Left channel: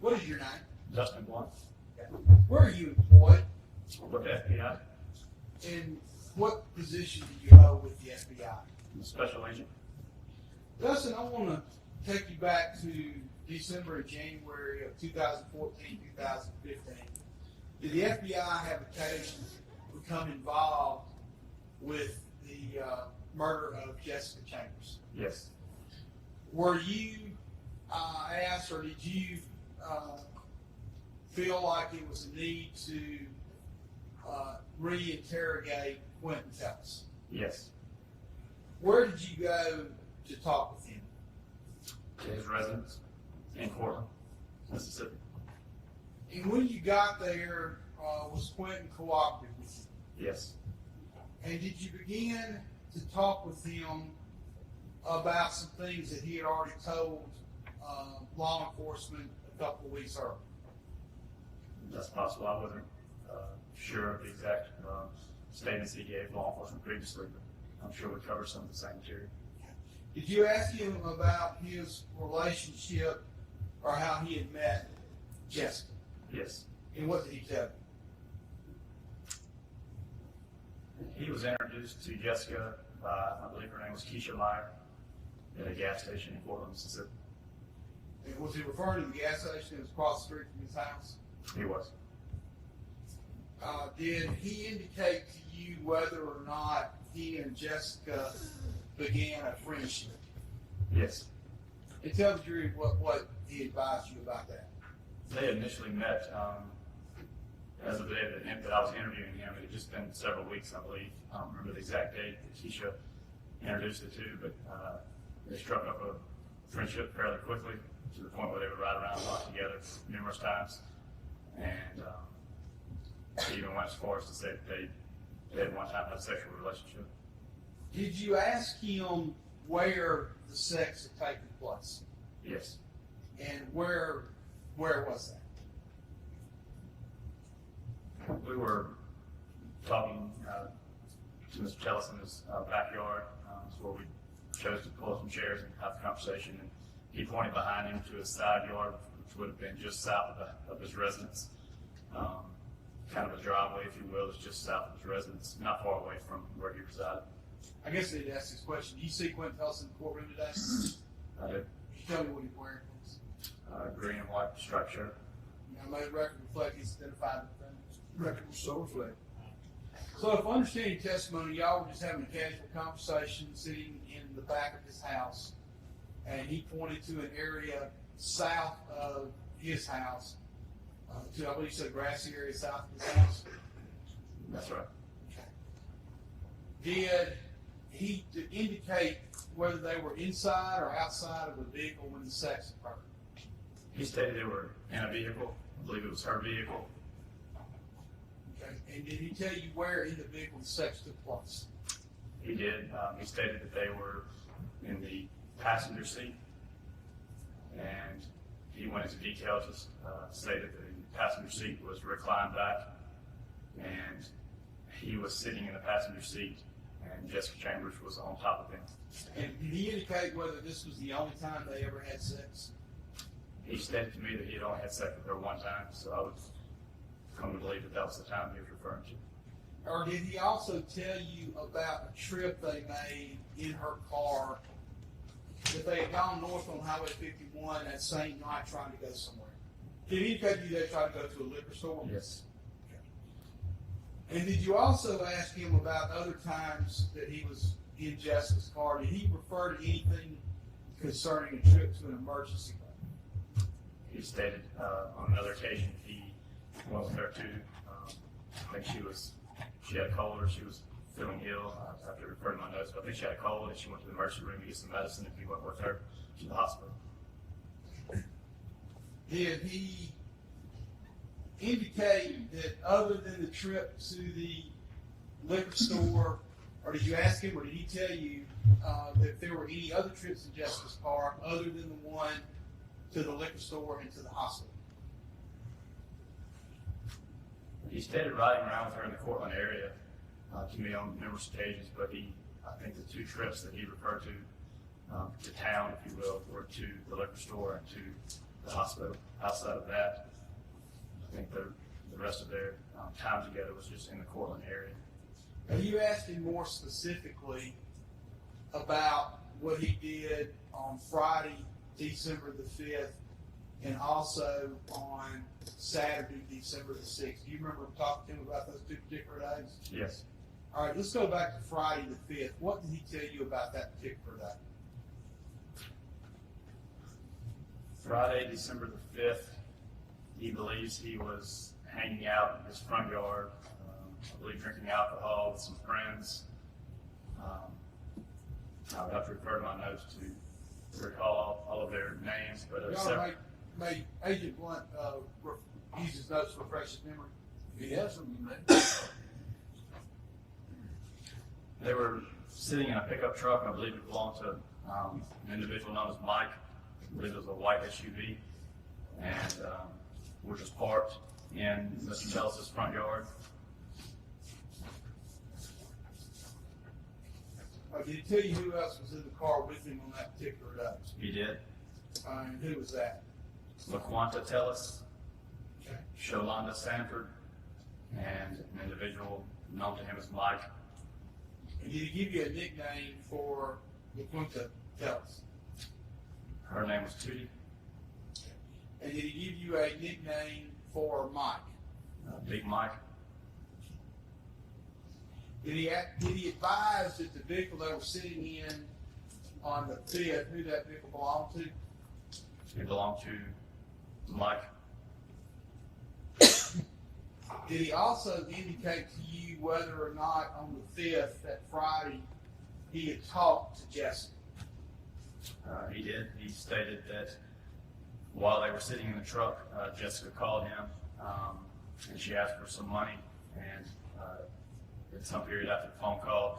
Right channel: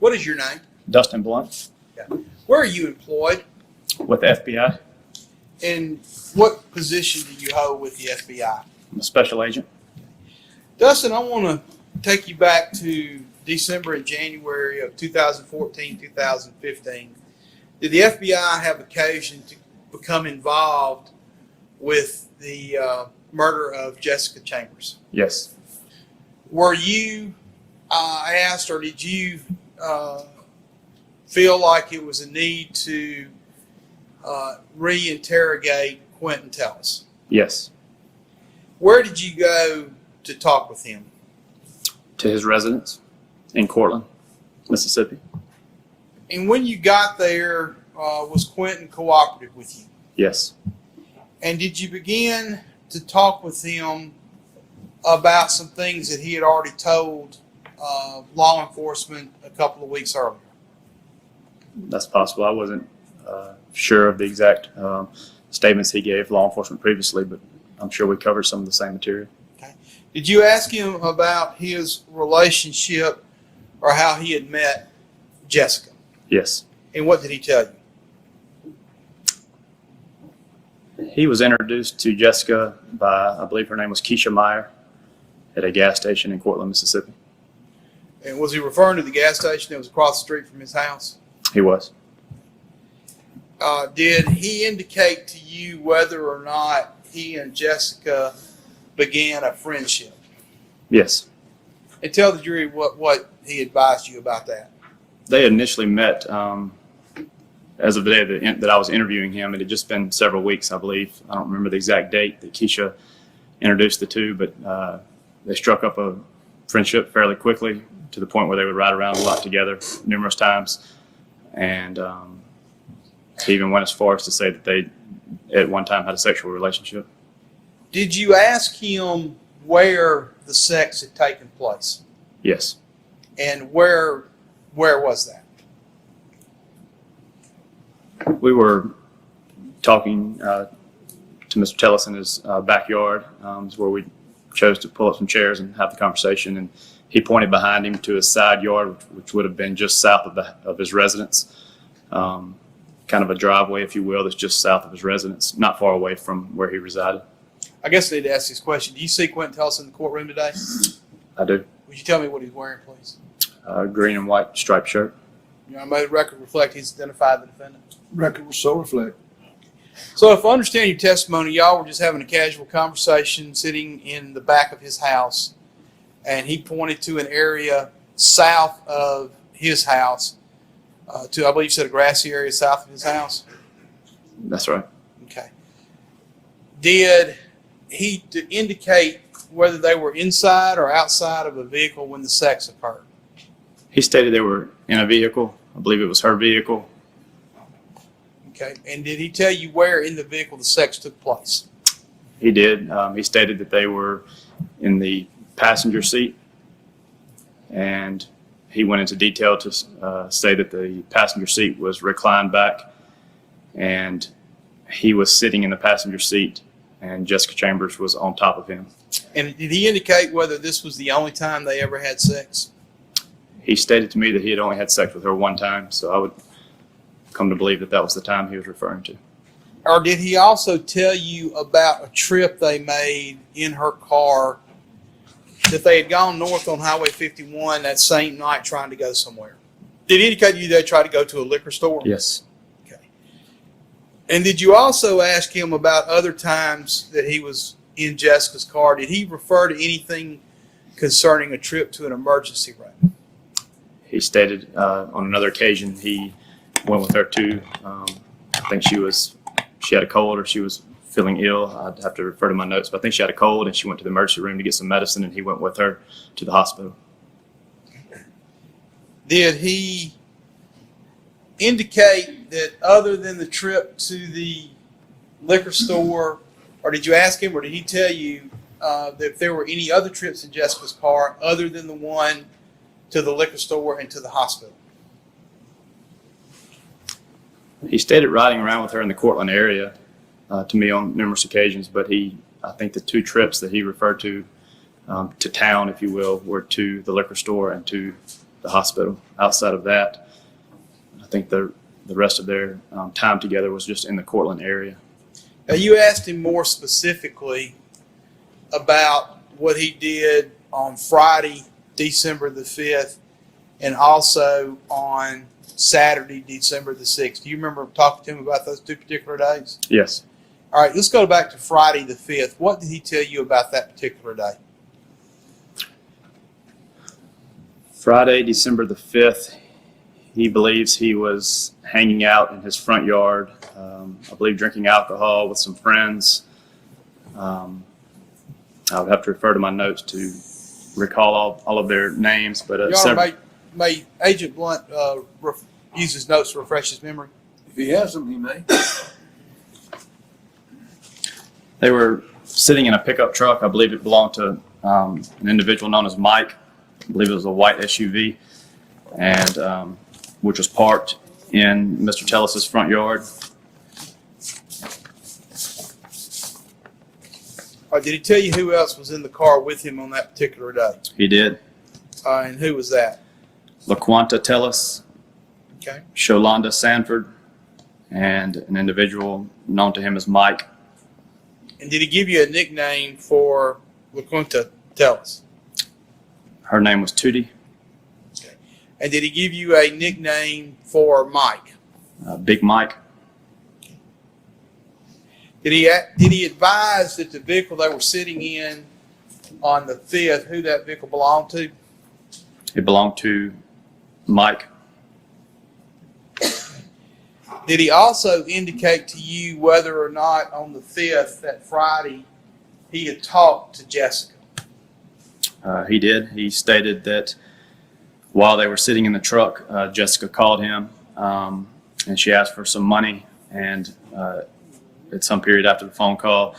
What is your name? Dustin Blunt Where are you employed? with the FBI. And what position do you hold with the FBI? I'm a special agent. Dustin, I want to take you back to December and January of 2014, 2015. Did the FBI have occasion to become involved with the murder of Jessica Chambers? Yes. Were you asked, or did you feel like it was a need to re-interrogate Quentin Tellis? Yes. Where did you go to talk with him? To his residence in Cortland, Mississippi. And when you got there, was Quentin cooperative with you? Yes. And did you begin to talk with him about some things that he had already told law enforcement a couple of weeks earlier? That's possible. I wasn't sure of the exact statements he gave law enforcement previously, but I'm sure we covered some of the same material. Okay. Did you ask him about his relationship or how he had met Jessica? Yes. And what did he tell you? He was introduced to Jessica by, I believe her name was Keisha Meyer, at a gas station in Cortland, Mississippi. And was he referring to the gas station that was across the street from his house? He was. Did he indicate to you whether or not he and Jessica began a friendship? Yes. And tell the jury what he advised you about that. They had initially met as of the day that I was interviewing him. It had just been several weeks, I believe. I don't remember the exact date that Keisha introduced the two, but they struck up a friendship fairly quickly to the point where they would ride around a lot together numerous times. And he even went as far as to say that they at one time had a sexual relationship. Did you ask him where the sex had taken place? Yes. And where was that? We were talking to Mr. Tellis in his backyard, where we chose to pull up some chairs and have the conversation. And he pointed behind him to his side yard, which would have been just south of his residence, kind of a driveway, if you will, that's just south of his residence, not far away from where he resided. I guess I need to ask this question. Do you see Quentin Tellis in the courtroom today? I do. Would you tell me what he's wearing, please? Green and white striped shirt. I made the record reflect he's identified the defendant. Record will so reflect. So if I understand your testimony, y'all were just having a casual conversation sitting in the back of his house, and he pointed to an area south of his house, to, I believe you said, a grassy area south of his house? That's right. Okay. Did he indicate whether they were inside or outside of a vehicle when the sex occurred? He stated they were in a vehicle. I believe it was her vehicle. Okay. And did he tell you where in the vehicle the sex took place? He did. He stated that they were in the passenger seat, and he went into detail to say that the passenger seat was reclined back, and he was sitting in the passenger seat, and Jessica Chambers was on top of him. And did he indicate whether this was the only time they ever had sex? He stated to me that he had only had sex with her one time, so I would come to believe that that was the time he was referring to. Or did he also tell you about a trip they made in her car, that they had gone north on Highway 51 that same night trying to go somewhere? Did he indicate to you they tried to go to a liquor store? Yes. Okay. And did you also ask him about other times that he was in Jessica's car? Did he refer to anything concerning a trip to an emergency room? He stated on another occasion he went with her to, I think she had a cold or she was feeling ill. I'd have to refer to my notes, but I think she had a cold and she went to the emergency room to get some medicine, and he went with her to the hospital. Did he indicate that other than the trip to the liquor store, or did you ask him, or did he tell you that if there were any other trips in Jessica's car other than the one to the liquor store and to the hospital? He stated riding around with her in the Cortland area to me on numerous occasions, but I think the two trips that he referred to town, if you will, were to the liquor store and to the hospital. Outside of that, I think the rest of their time together was just in the Cortland area. Now, you asked him more specifically about what he did on Friday, December the 5th, and also on Saturday, December the 6th. Do you remember talking to him about those two particular days? Yes. All right, let's go back to Friday the 5th. What did he tell you about that particular day? Friday, December the 5th, he believes he was hanging out in his front yard, I believe drinking alcohol with some friends. I would have to refer to my notes to recall all of their names. But Your Honor, may Agent Blunt use his notes to refresh his memory? If he has them, he may. They were sitting in a pickup truck. I believe it belonged to an individual known as Mike. I believe it was a white SUV, and which was parked in Mr. Tellis's front yard. All right, did he tell you who else was in the car with him on that particular day? He did. And who was that? LaQuanta Tellis, Okay. Sholanda Sanford, and an individual known to him as Mike. And did he give you a nickname for LaQuinta Tellis? Her name was Tootie. Okay. And did he give you a nickname for Mike? Big Mike. Did he advise that the vehicle they were sitting in on the 5th, who that vehicle belonged to? It belonged to Mike. Did he also indicate to you whether or not on the 5th, that Friday, he had talked to Jessica? He did. He stated that while they were sitting in the truck, Jessica called him and she asked for some money. And at some period after the phone call,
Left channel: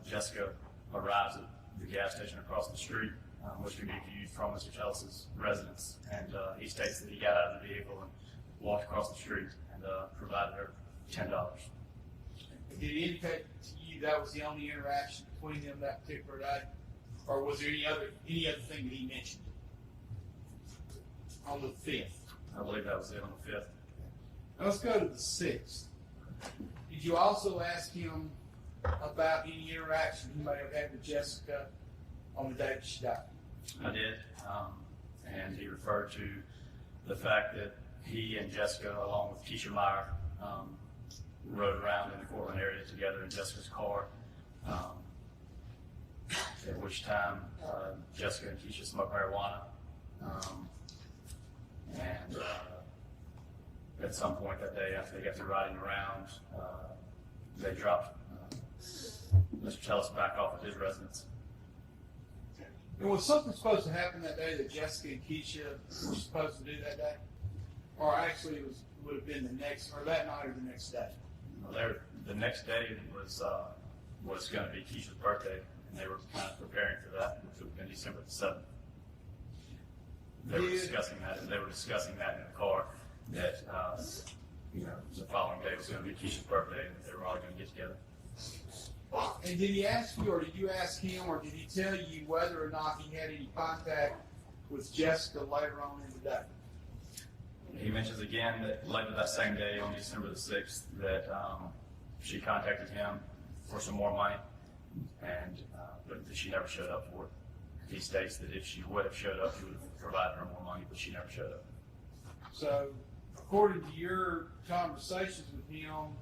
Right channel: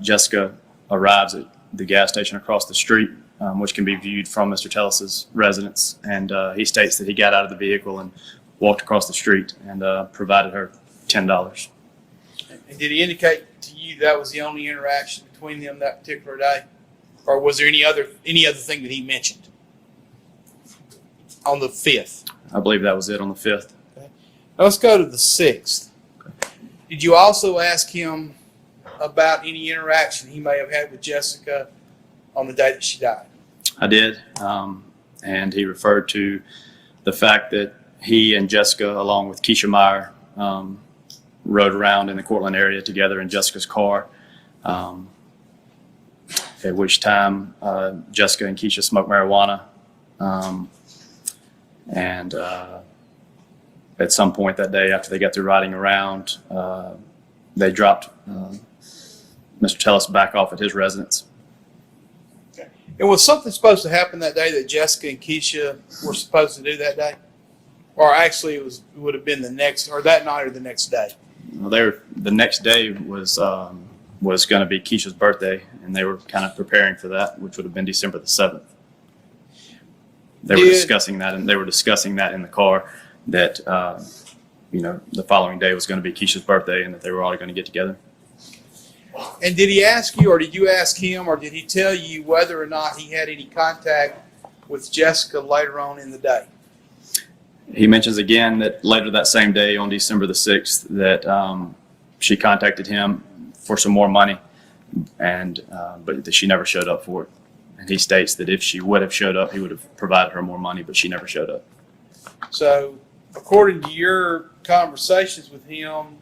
Jessica arrives at the gas station across the street, which can be viewed from Mr. Tellis's residence. And he states that he got out of the vehicle and walked across the street and provided her $10. And did he indicate to you that was the only interaction between them that particular day? Or was there any other thing that he mentioned on the 5th? I believe that was it on the 5th. Okay. Now let's go to the 6th. Did you also ask him about any interaction he may have had with Jessica on the day that she died? I did. And he referred to the fact that he and Jessica, along with Keisha Meyer, rode around in the Cortland area together in Jessica's car. At which time Jessica and Keisha smoked marijuana. And at some point that day, after they got through riding around, they dropped Mr. Tellis back off at his residence. Okay. And was something supposed to happen that day that Jessica and Keisha were supposed to do that day? Or actually it would have been the next, or that night or the next day? Well, the next day was going to be Keisha's birthday, and they were kind of preparing for that, which would have been December the 7th. They were discussing that, and they were discussing that in the car, that the following day was going to be Keisha's birthday, and that they were all going to get together. And did he ask you, or did you ask him, or did he tell you whether or not he had any contact with Jessica later on in the day? He mentions again that later that same day, on December the 6th, that she contacted him for some more money, and but that she never showed up for it. And he states that if she would have showed up, he would have provided her more money, but she never showed up. So, according to your conversations with him,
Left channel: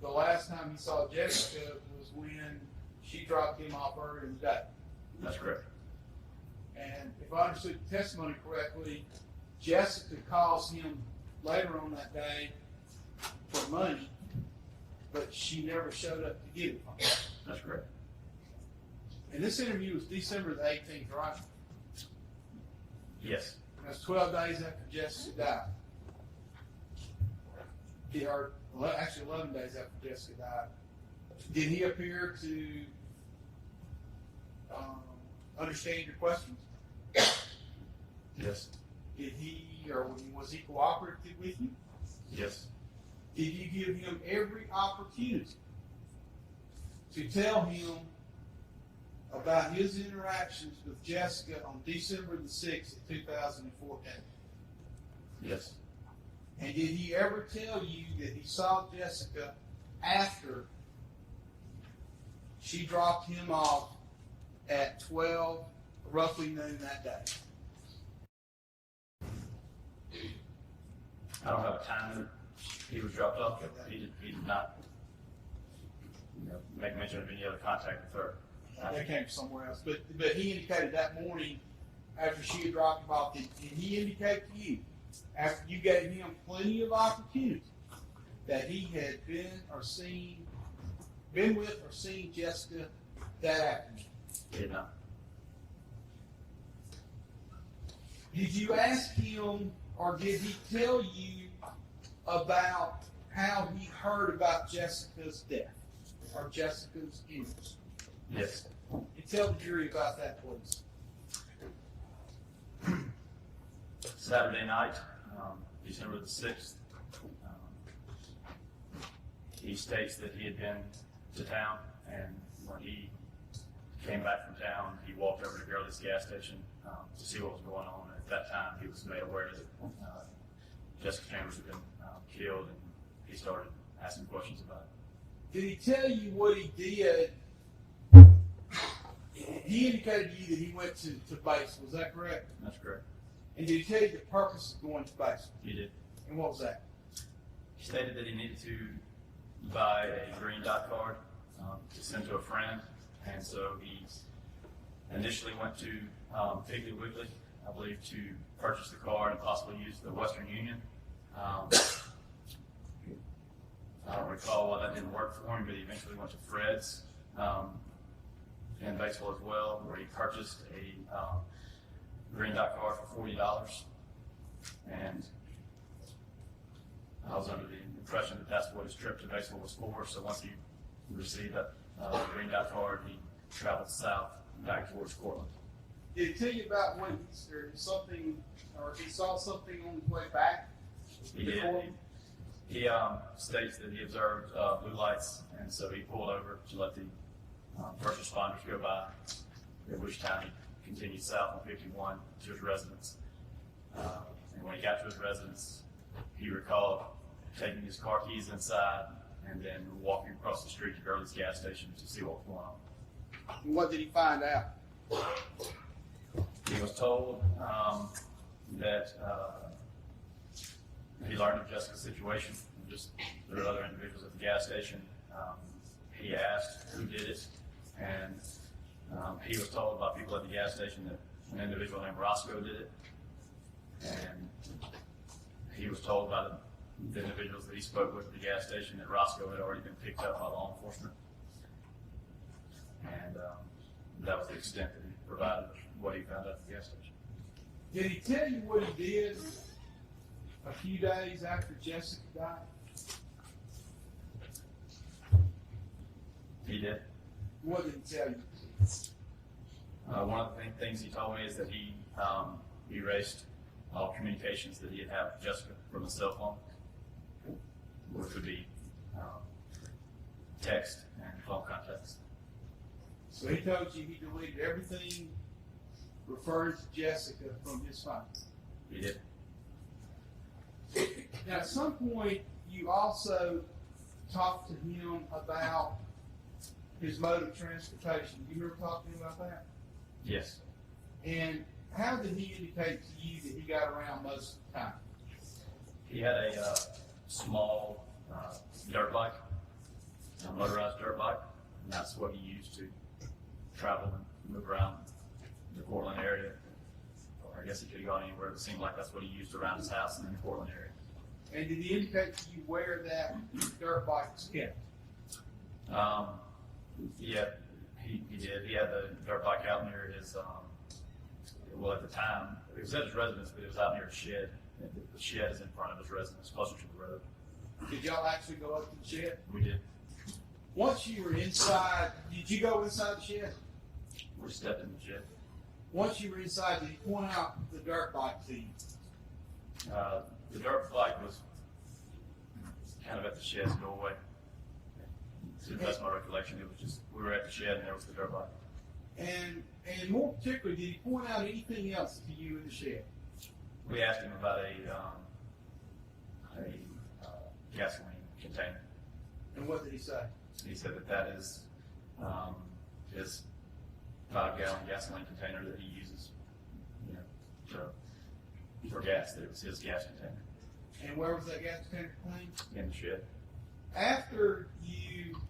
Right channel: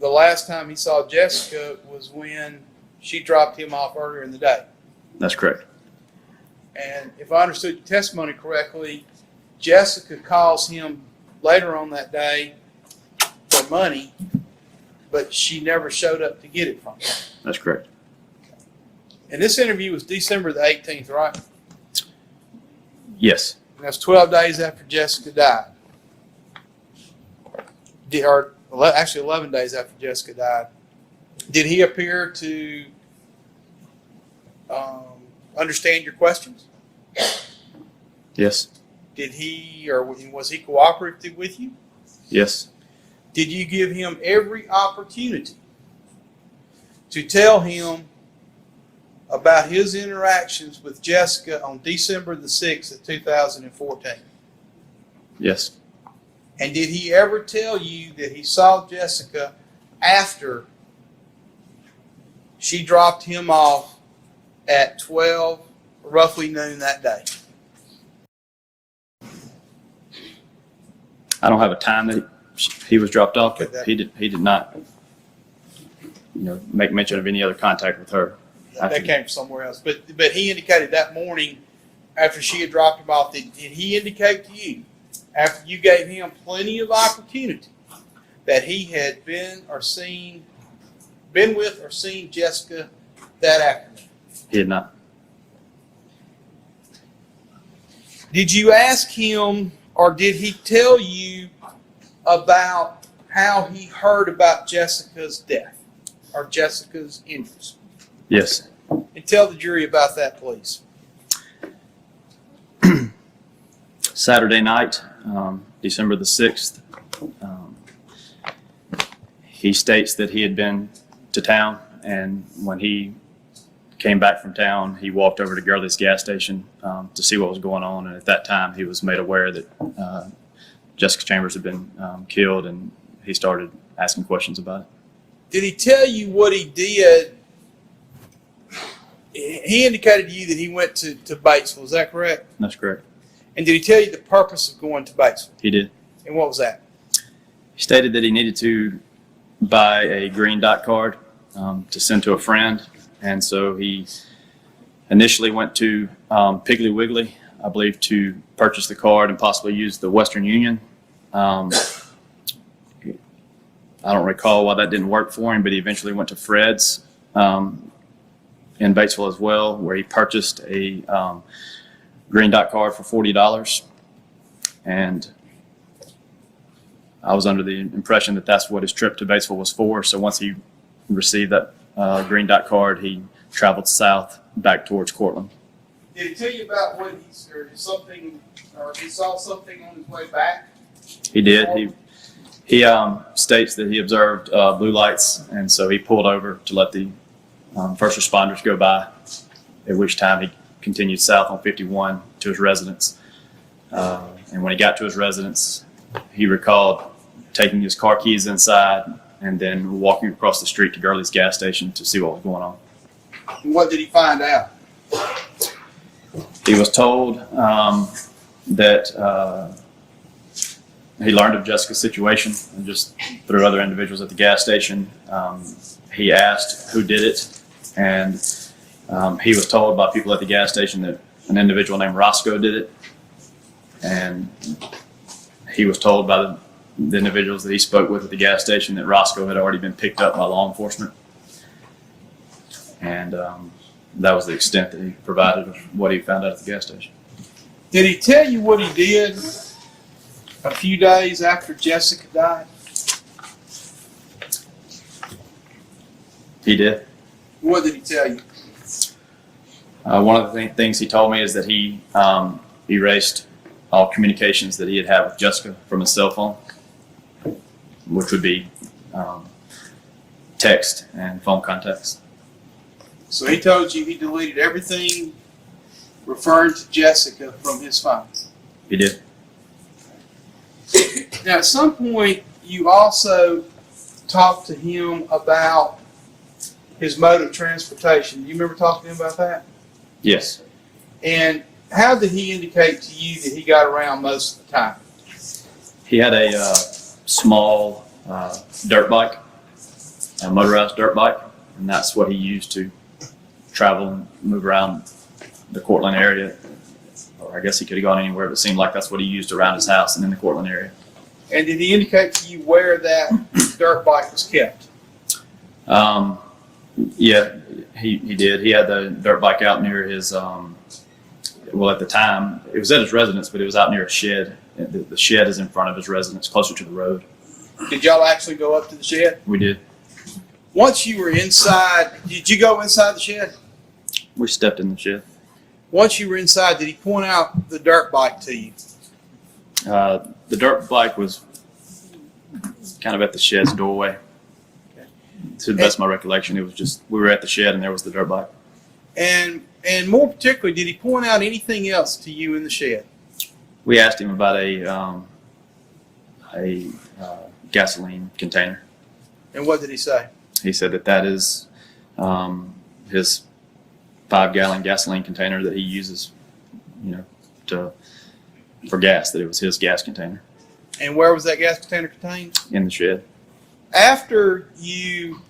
the last time he saw Jessica was when she dropped him off earlier in the day. That's correct. And if I understood your testimony correctly, Jessica calls him later on that day for money, but she never showed up to get it from him. That's correct. And this interview was December the 18th, right? Yes. And that's 12 days after Jessica died. Or actually 11 days after Jessica died. Did he appear to understand your questions? Yes. Did he, or was he cooperative with you? Yes. Did you give him every opportunity to tell him about his interactions with Jessica on December the 6th of 2014? Yes. And did he ever tell you that he saw Jessica after she dropped him off at 12, roughly noon that day? I don't have a time that he was dropped off, but Okay. he did not, make mention of any other contact with her. That came from somewhere else. But he indicated that morning after she had dropped him off, did he indicate to you, after you gave him plenty of opportunity, that he had been with or seen Jessica that afternoon? He did not. Did you ask him, or did he tell you about how he heard about Jessica's death or Jessica's injuries? Yes. And tell the jury about that, please. Saturday night, December the 6th, he states that he had been to town, and when he came back from town, he walked over to Gurley's gas station to see what was going on, and at that time he was made aware that Jessica Chambers had been killed, and he started asking questions about it. Did he tell you what he did? He indicated to you that he went to Batesville. Is that correct? That's correct. And did he tell you the purpose of going to Batesville? He did. And what was that? He stated that he needed to buy a green dot card to send to a friend, and so he initially went to Piggly Wiggly, I believe, to purchase the card and possibly use the Western Union. I don't recall why that didn't work for him, but he eventually went to Fred's in Batesville as well, where he purchased a green dot card for $40. And I was under the impression that that's what his trip to Batesville was for. So once he received that green dot card, he traveled south back towards Cortland. Did he tell you about what he saw something on his way back? He did. He states that he observed blue lights, and so he pulled over to let the first responders go by, at which time he continued south on 51 to his residence. And when he got to his residence, he recalled taking his car keys inside and then walking across the street to Gurley's gas station to see what was going on. And what did he find out? He was told that he learned of Jessica's situation and just through other individuals at the gas station. He asked who did it, and he was told by people at the gas station that an individual named Roscoe did it. And he was told by the individuals that he spoke with at the gas station that Roscoe had already been picked up by law enforcement. And that was the extent that he provided of what he found out at the gas station. Did he tell you what he did a few days after Jessica died? He did. What did he tell you? One of the things he told me is that he erased all communications that he had with Jessica from his cell phone, which would be text and phone contacts. So he told you he deleted everything referring to Jessica from his phone. He did. Now, at some point, you also talked to him about his mode of transportation. Do you remember talking to him about that? Yes. And how did he indicate to you that he got around most of the time? He had a small dirt bike, a motorized dirt bike, and that's what he used to travel and move around the Cortland area. Or I guess he could have gone anywhere, but it seemed like that's what he used around his house and in the Cortland area. And did he indicate to you where that dirt bike was kept? Yeah, he did. He had the dirt bike out near his, well, at the time, it was at his residence, but it was out near a shed. The shed is in front of his residence, closer to the road. Did y'all actually go up to the shed? We did. Once you were inside, did you go inside the shed? We stepped in the shed. Once you were inside, did he point out the dirt bike to you? The dirt bike was kind of at the shed's doorway. To the best of my recollection, it was just, we were at the shed and there was the dirt bike. And more particularly, did he point out anything else to you in the shed? We asked him about a gasoline container. And what did he say? He said that is his 5-gallon gasoline container that he uses, for gas. That it was his gas container And where was that gas container contained? in the shed. After you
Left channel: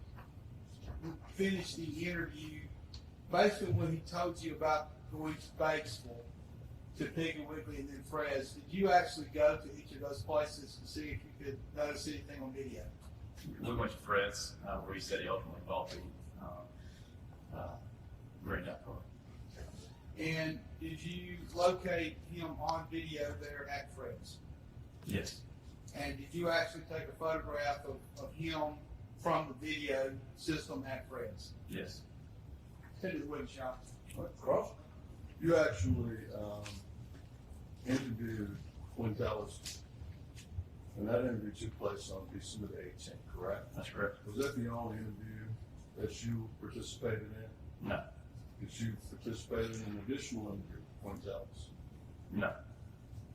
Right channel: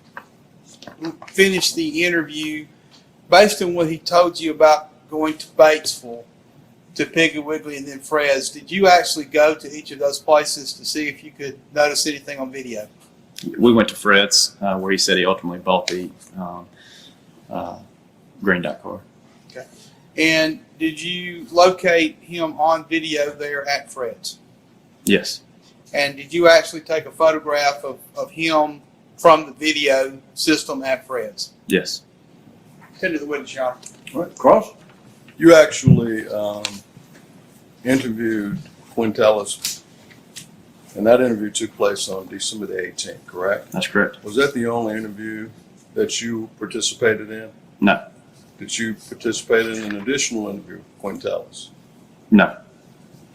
finished the interview, based on what he told you about going to Batesville, to Piggly Wiggly, and then Fred's, did you actually go to each of those places to see if you could notice anything on video? We went to Fred's, where he said he ultimately bought the green dot car. Okay. And did you locate him on video there at Fred's? Yes. And did you actually take a photograph of him from the video system at Fred's? Yes. Tend to the witness, Your Honor. All right, Cross. You actually interviewed Quintelis, and that interview took place on December the 18th, correct? That's correct. Was that the only interview that you participated in? No. Did you participate in an additional interview with Quintelis? No.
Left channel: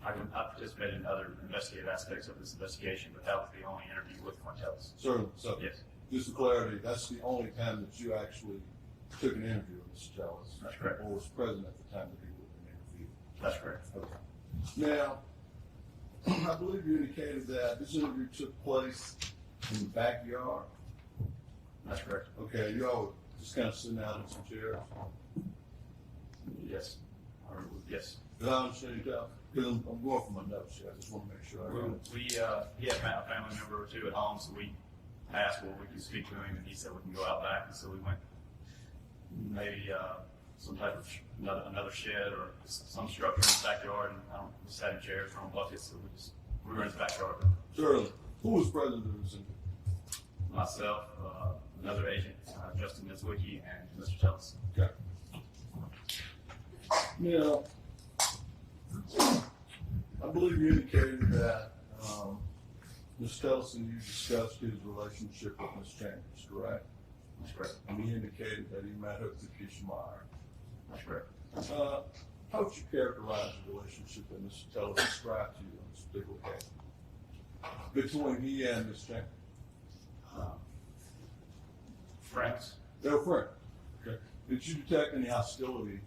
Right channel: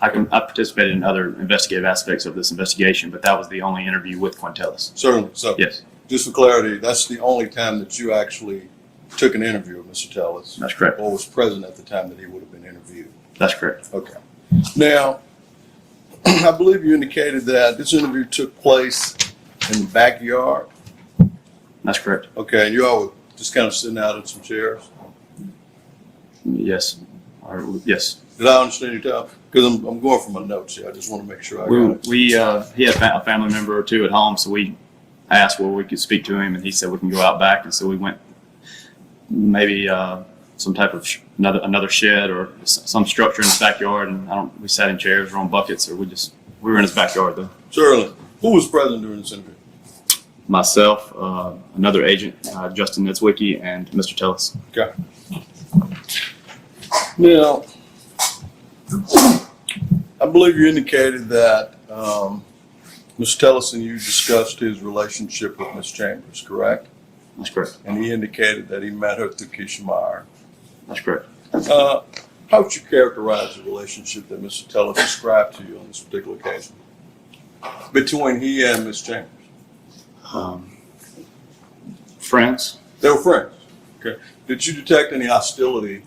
I participated in other investigative aspects of this investigation, but that was the only interview with Quintelis. Certainly. So, Yes. just for clarity, that's the only time that you actually took an interview with Mr. Tellis, That's correct. or was present at the time that he would have been interviewed. That's correct. Okay. Now, I believe you indicated that this interview took place in the backyard. That's correct. Okay, and you all were just kind of sitting out in some chairs. Yes. Yes. Did I understand you, Tom? Because I'm going from my notes here. I just want to make sure I got it. He had a family member or two at home, so we asked where we could speak to him, and he said we can go out back, and so we went maybe some type of another shed or some structure in his backyard, and we sat in chairs or on buckets, or we were in his backyard though. Certainly. Who was present during this interview? Myself, another agent, Justin Nitzwicki, and Mr. Tellis. Okay. Now, I believe you indicated that Mr. Tellis and you discussed his relationship with Ms. Chambers, correct? That's correct. And he indicated that he met her through Keisha Meyer. That's correct. How would you characterize the relationship that Mr. Tellis described to you on this particular occasion between he and Ms. Chambers? Friends? They were friends. Okay. Did you detect any hostility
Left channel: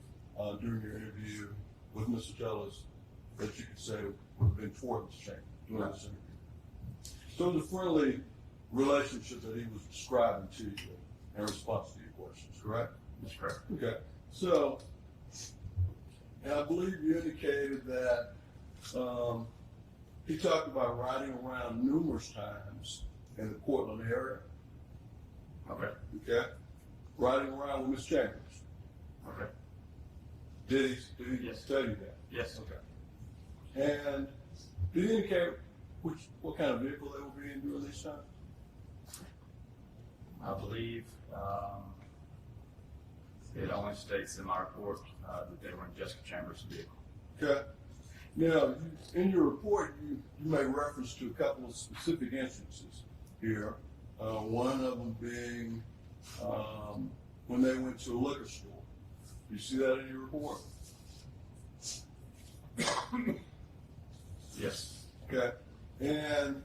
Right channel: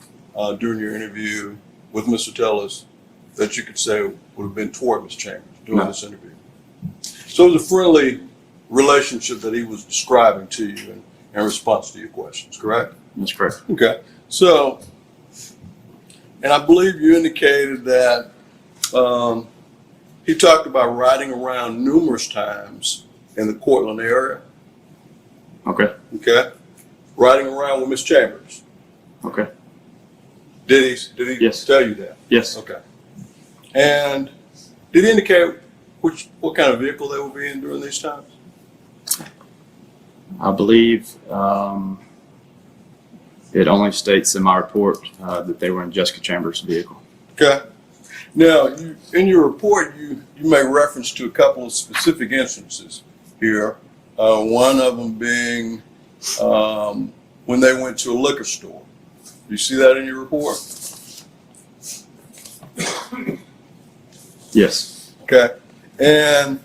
during your interview with Mr. Tellis that you could say would have been toward Ms. Chambers during this interview? So it was a friendly relationship that he was describing to you in response to your questions, correct? That's correct. Okay. So, and I believe you indicated that he talked about riding around numerous times in the Cortland area. Okay. Okay. Riding around with Ms. Chambers. Okay. Did he Yes. tell you that? Yes. Okay. And did he indicate what kind of vehicle they would be in during these times? I believe it only states in my report that they were in Jessica Chambers' vehicle. Okay. Now, in your report, you make reference to a couple of specific instances here. One of them being when they went to a liquor store. You see that in your report? Yes. Okay. And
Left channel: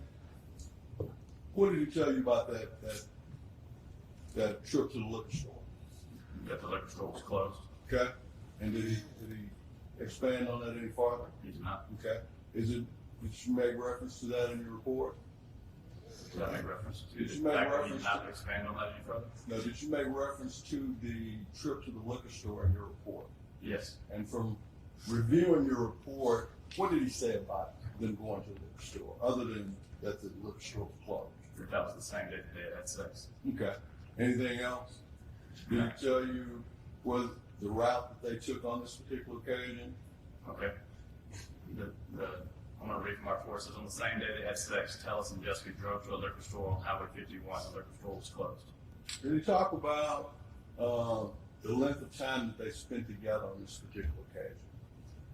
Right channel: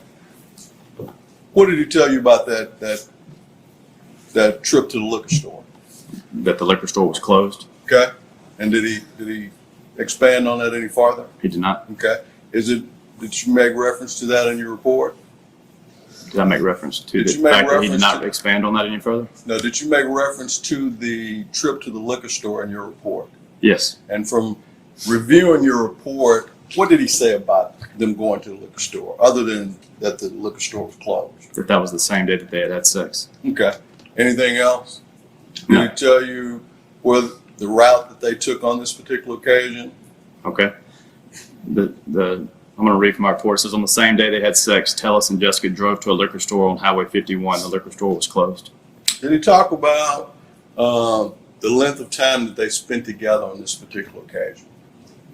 what did he tell you about that trip to the liquor store? That the liquor store was closed. Okay. And did he expand on that any farther? He did not. Okay. Did you make reference to that in your report? Did I make reference to Did the you make fact that he did reference not to- expand on that any further? No, did you make reference to the trip to the liquor store in your report? Yes. And from reviewing your report, what did he say about them going to the liquor store, other than that the liquor store was closed? That was the same day that they had sex. Okay. Anything else? No. Did he tell you where the route that they took on this particular occasion? Okay. I'm going to read from my report. It says, on the same day they had sex, Tellis and Jessica drove to a liquor store on Highway 51. The liquor store was closed. Did he talk about the length of time that they spent together on this particular occasion?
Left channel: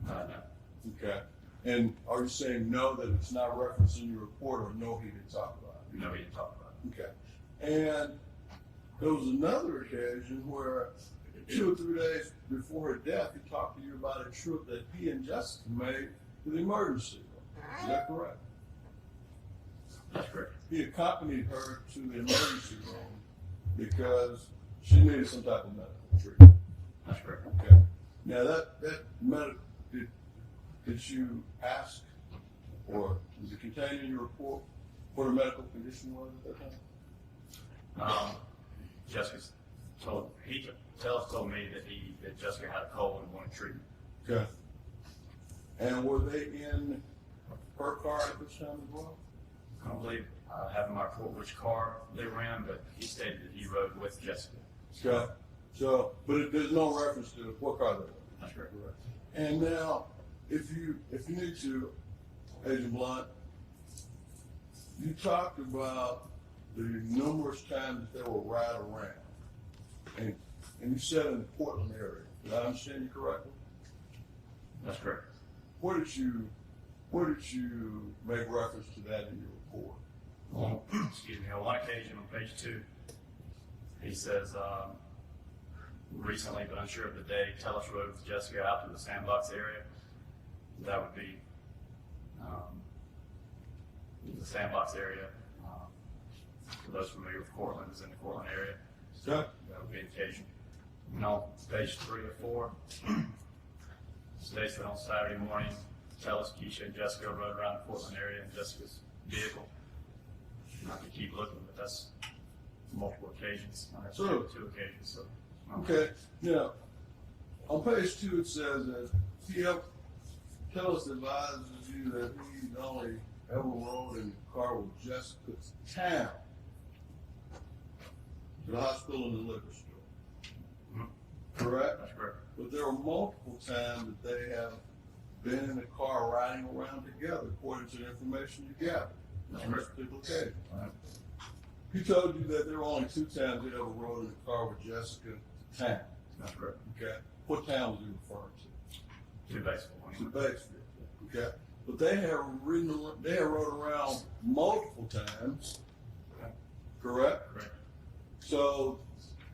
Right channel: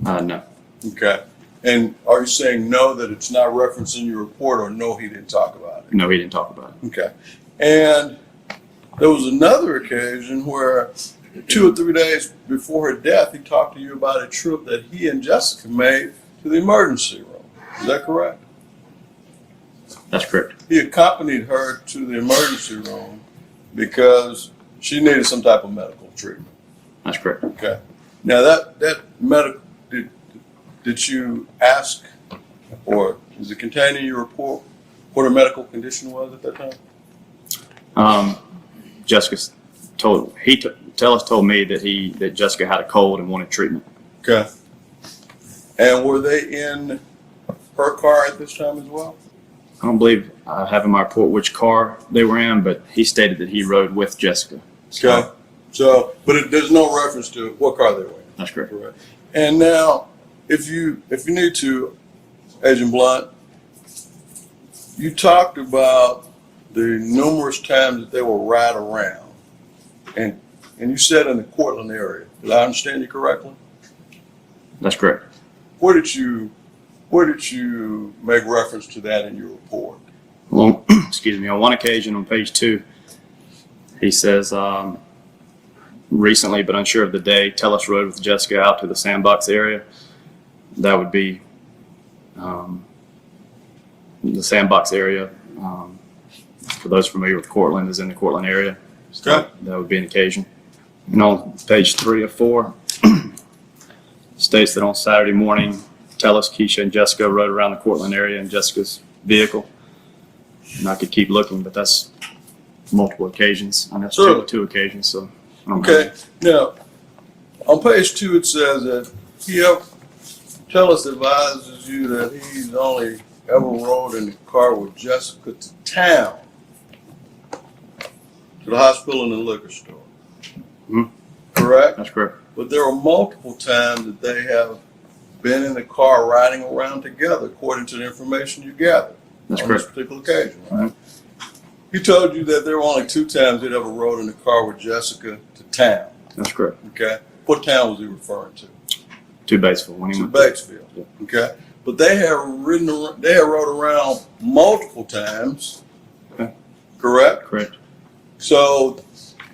No. Okay. And are you saying no, that it's not referenced in your report, or no, he didn't talk about it? No, he didn't talk about it. Okay. And there was another occasion where 2 or 3 days before her death, he talked to you about a trip that he and Jessica made to the emergency room. Is that correct? That's correct. He accompanied her to the emergency room because she needed some type of medical treatment. That's correct. Okay. Now that medical, did you ask, or is it contained in your report, what her medical condition was at that time? Jessica told Tellis told me that Jessica had a cold and wanted treatment. Okay. And were they in her car at this time as well? I don't believe I have in my report which car they were in, but he stated that he rode with Jessica. Okay. So, but there's no reference to what car they were in. That's correct. Correct. And now, if you need to, Agent Blunt, you talked about the numerous times that they will ride around, and you said in the Cortland area. Did I understand you correctly? That's correct. Where did you make reference to that in your report? Well, excuse me. On one occasion, on page 2, he says, recently, but unsure of the day, Tellis rode with Jessica out to the Sandbox area. That would be the Sandbox area. For those familiar with Cortland, is in the Cortland area. So Okay. that would be an occasion. And on page 3 of 4, states that on Saturday morning, Tellis, Keisha, and Jessica rode around the Cortland area in Jessica's vehicle. And I could keep looking, but that's multiple occasions. I know Sure. two occasions, so. I don't know. Okay. Now, on page 2, it says that Tellis advises you that he's only ever rode in the car with Jessica to town, to the hospital and the liquor store. Mhm. Correct? That's correct. But there are multiple times that they have been in the car riding around together, according to the information you gathered. That's on correct. this particular occasion, right? He told you that there were only 2 times he'd ever rode in the car with Jessica to town. That's correct. Okay. What town was he referring to? To Batesville. When he To went Batesville. Yeah. Okay. But they have rode around multiple times. Okay. Correct? Correct. So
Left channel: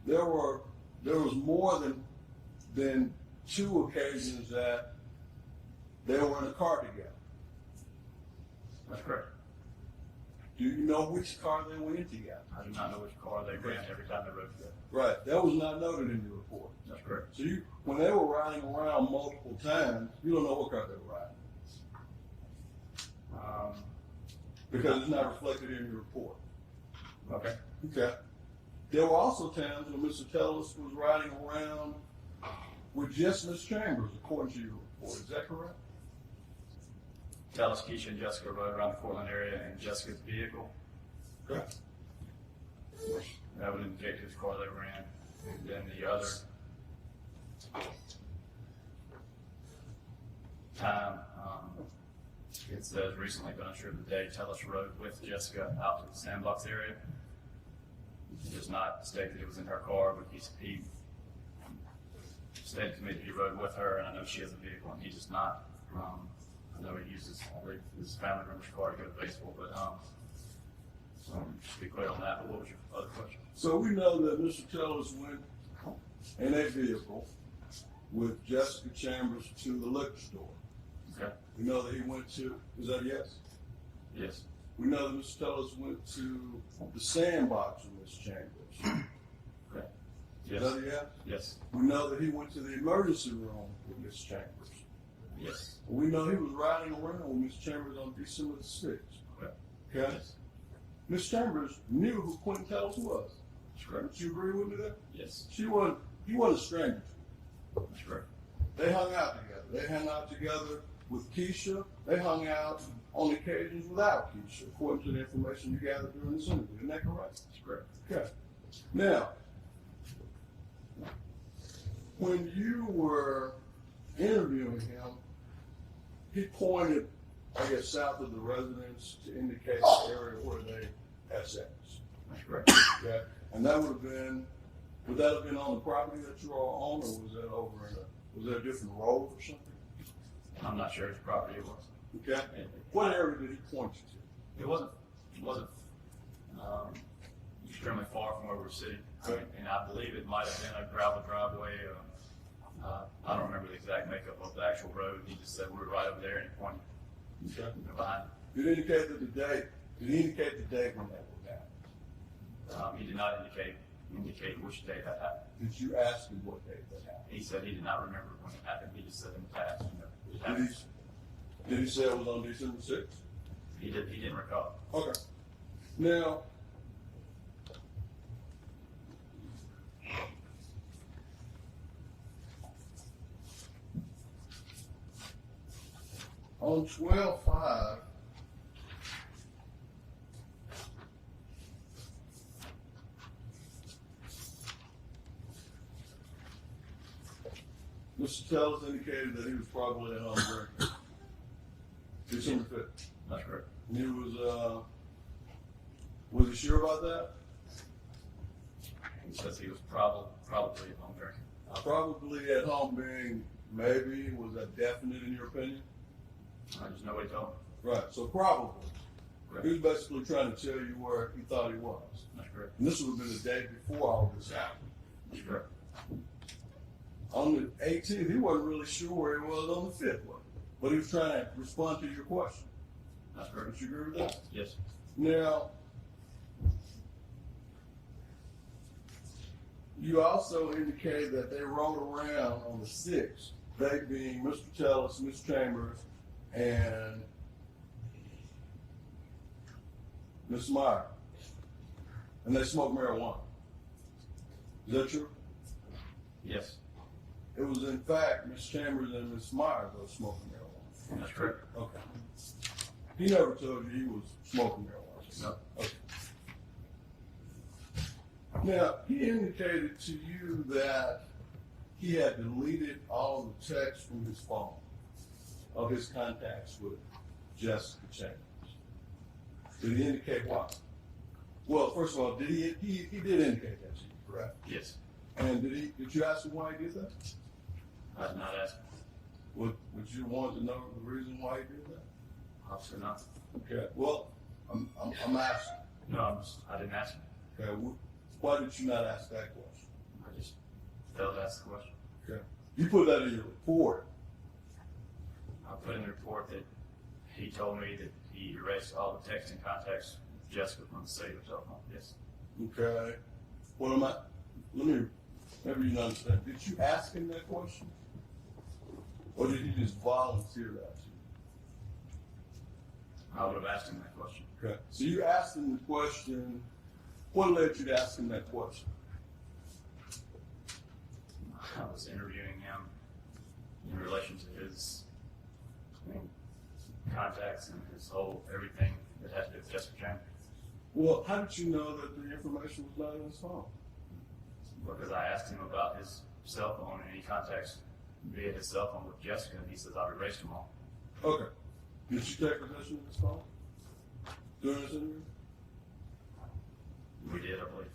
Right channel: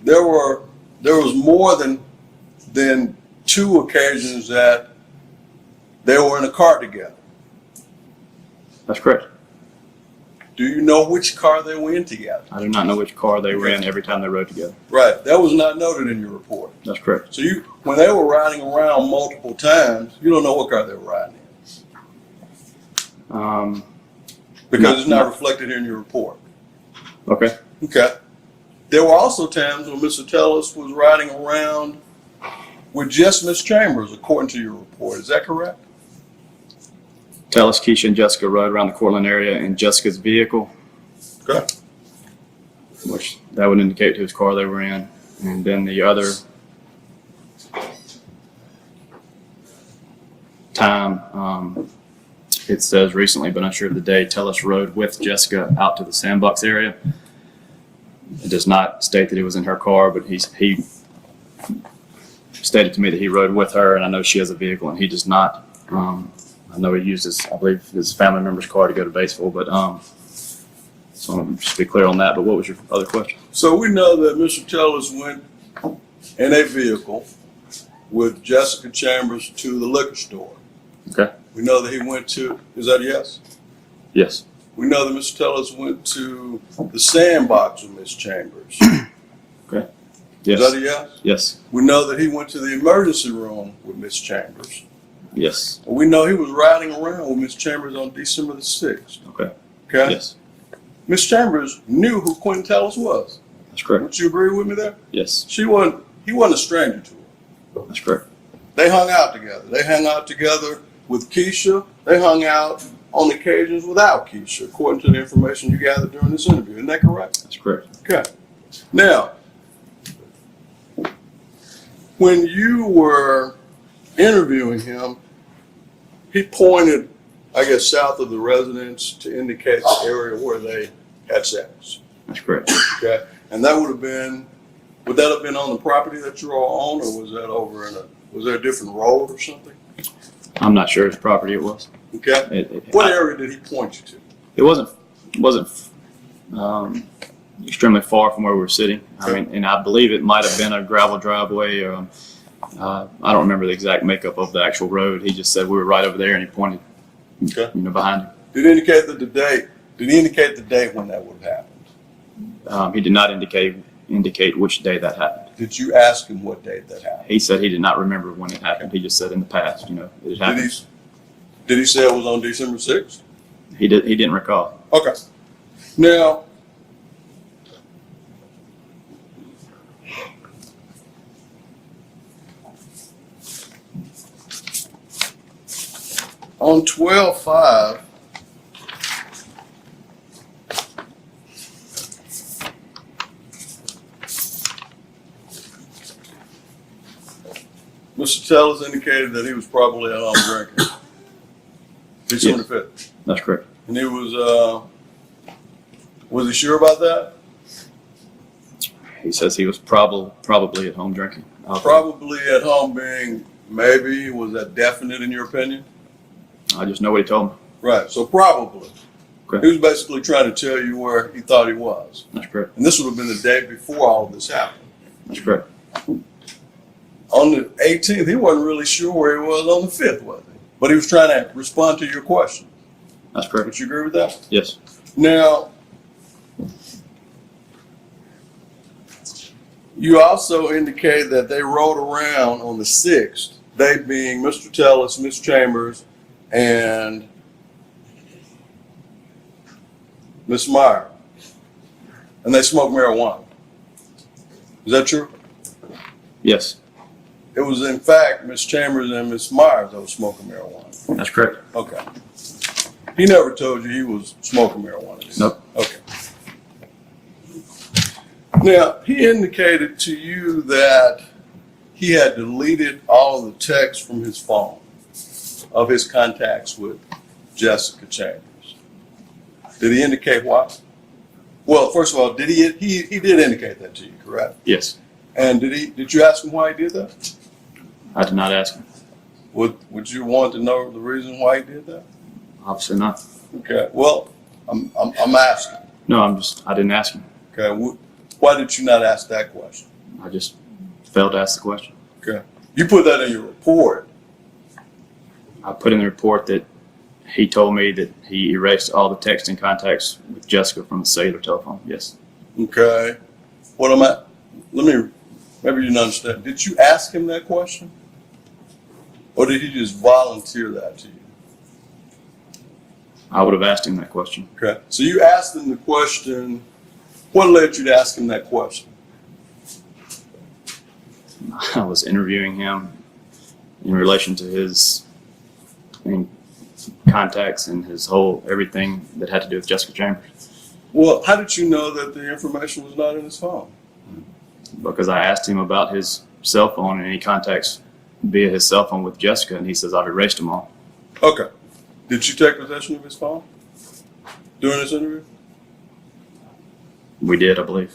there was more than 2 occasions that they were in a car together. That's correct. Do you know which car they were in together? I do not know which car they were in every time they rode together. Right. That was not noted in your report. That's correct. So when they were riding around multiple times, you don't know what car they were riding in because it's not reflected in your report. Okay. Okay. There were also times when Mr. Tellis was riding around with just Miss Chambers, according to your report. Is that correct? Tellis, Keisha, and Jessica rode around the Cortland area in Jessica's vehicle, Okay. which that would indicate whose car they were in. And then the other time, it says recently, but unsure of the day, Tellis rode with Jessica out to the Sandbox area. It does not state that he was in her car, but he stated to me that he rode with her, and I know she has a vehicle, and he does not. I know he used I believe, his family member's car to go to Batesville, but so I'll just be clear on that. But what was your other question? So we know that Mr. Tellis went in a vehicle with Jessica Chambers to the liquor store. Okay. We know that he went to, is that a yes? Yes. We know that Mr. Tellis went to the Sandbox with Miss Chambers. Okay. Yes. Is that a yes? Yes. We know that he went to the emergency room with Miss Chambers. Yes. We know he was riding around with Miss Chambers on December the 6th. Okay. Okay? Yes. Miss Chambers knew who Quentin Tellis was. That's correct. Would you agree with me there? Yes. He wasn't a stranger to her. That's correct. They hung out together. They hung out together with Keisha. They hung out on occasions without Keisha, according to the information you gathered during this interview. Isn't that correct? That's correct. Okay. Now, when you were interviewing him, he pointed, I guess, south of the residence to indicate the area where they had sex. That's correct. Okay. And that would that have been on the property that you all own, or was that was there a different road or something? I'm not sure whose property it was. Okay. What area did he point you to? It wasn't extremely far from where we were sitting. I mean, and I believe it might have been a gravel driveway. Or, I don't remember the exact makeup of the actual road. He just said we were right over there, and he pointed, behind him. Did he indicate the date? Did he indicate the date when that would have happened? He did not indicate which day that happened. Did you ask him what date that happened? He said he did not remember when it happened. He just said in the past, it happened. Did he say it was on December 6th? He didn't recall. Okay. Now, on 12/5, Mr. Tellers indicated that he was probably at home drinking. December 5th. That's correct. And he was he sure about that? He says he was probably at home drinking. Probably at home being maybe, was that definite in your opinion? I just know what he told me. Right, so probably. Okay. He was basically trying to tell you where he thought he was. That's correct. And this would have been the day before all of this happened. That's correct. On the 18th, he wasn't really sure where he was on the 5th, was he? But he was trying to respond to your question. That's correct. Would you agree with that? Yes. Now, you also indicated that they rode around on the 6th, they being Mr. Tellis, Ms. Chambers, and Ms. Meyer, and they smoked marijuana. Is that true? Yes. It was, in fact, Ms. Chambers and Ms. Myers that was smoking marijuana. That's correct. Okay. He never told you he was smoking marijuana? Nope. Okay. Now, he indicated to you that he had deleted all of the texts from his phone of his contacts with Jessica Chambers. Did he indicate why? Well, first of all, did he did indicate that to you, correct? Yes. And did you ask him why he did that? I did not ask him. Would you want to know the reason why he did that? Obviously not. Okay. Well, I'm asking. No, I didn't ask him. Okay. Why did you not ask that question? I just failed to ask the question. Okay. You put that in your report. I put in the report that he told me that he erased all the texting contacts with Jessica from the cellular telephone. Yes. Okay. Maybe you didn't understand. Did you ask him that question? Or did he just volunteer that to you? I would have asked him that question. Okay. So you asked him the question. What led you to ask him that question? I was interviewing him in relation to his contacts and his whole everything that had to do with Jessica Chambers. Well, how did you know that the information was not in his phone? Because I asked him about his cell phone and any contacts via his cell phone with Jessica, and he says I've erased them all. Okay. Did you take possession of his phone during this interview? We did, I believe.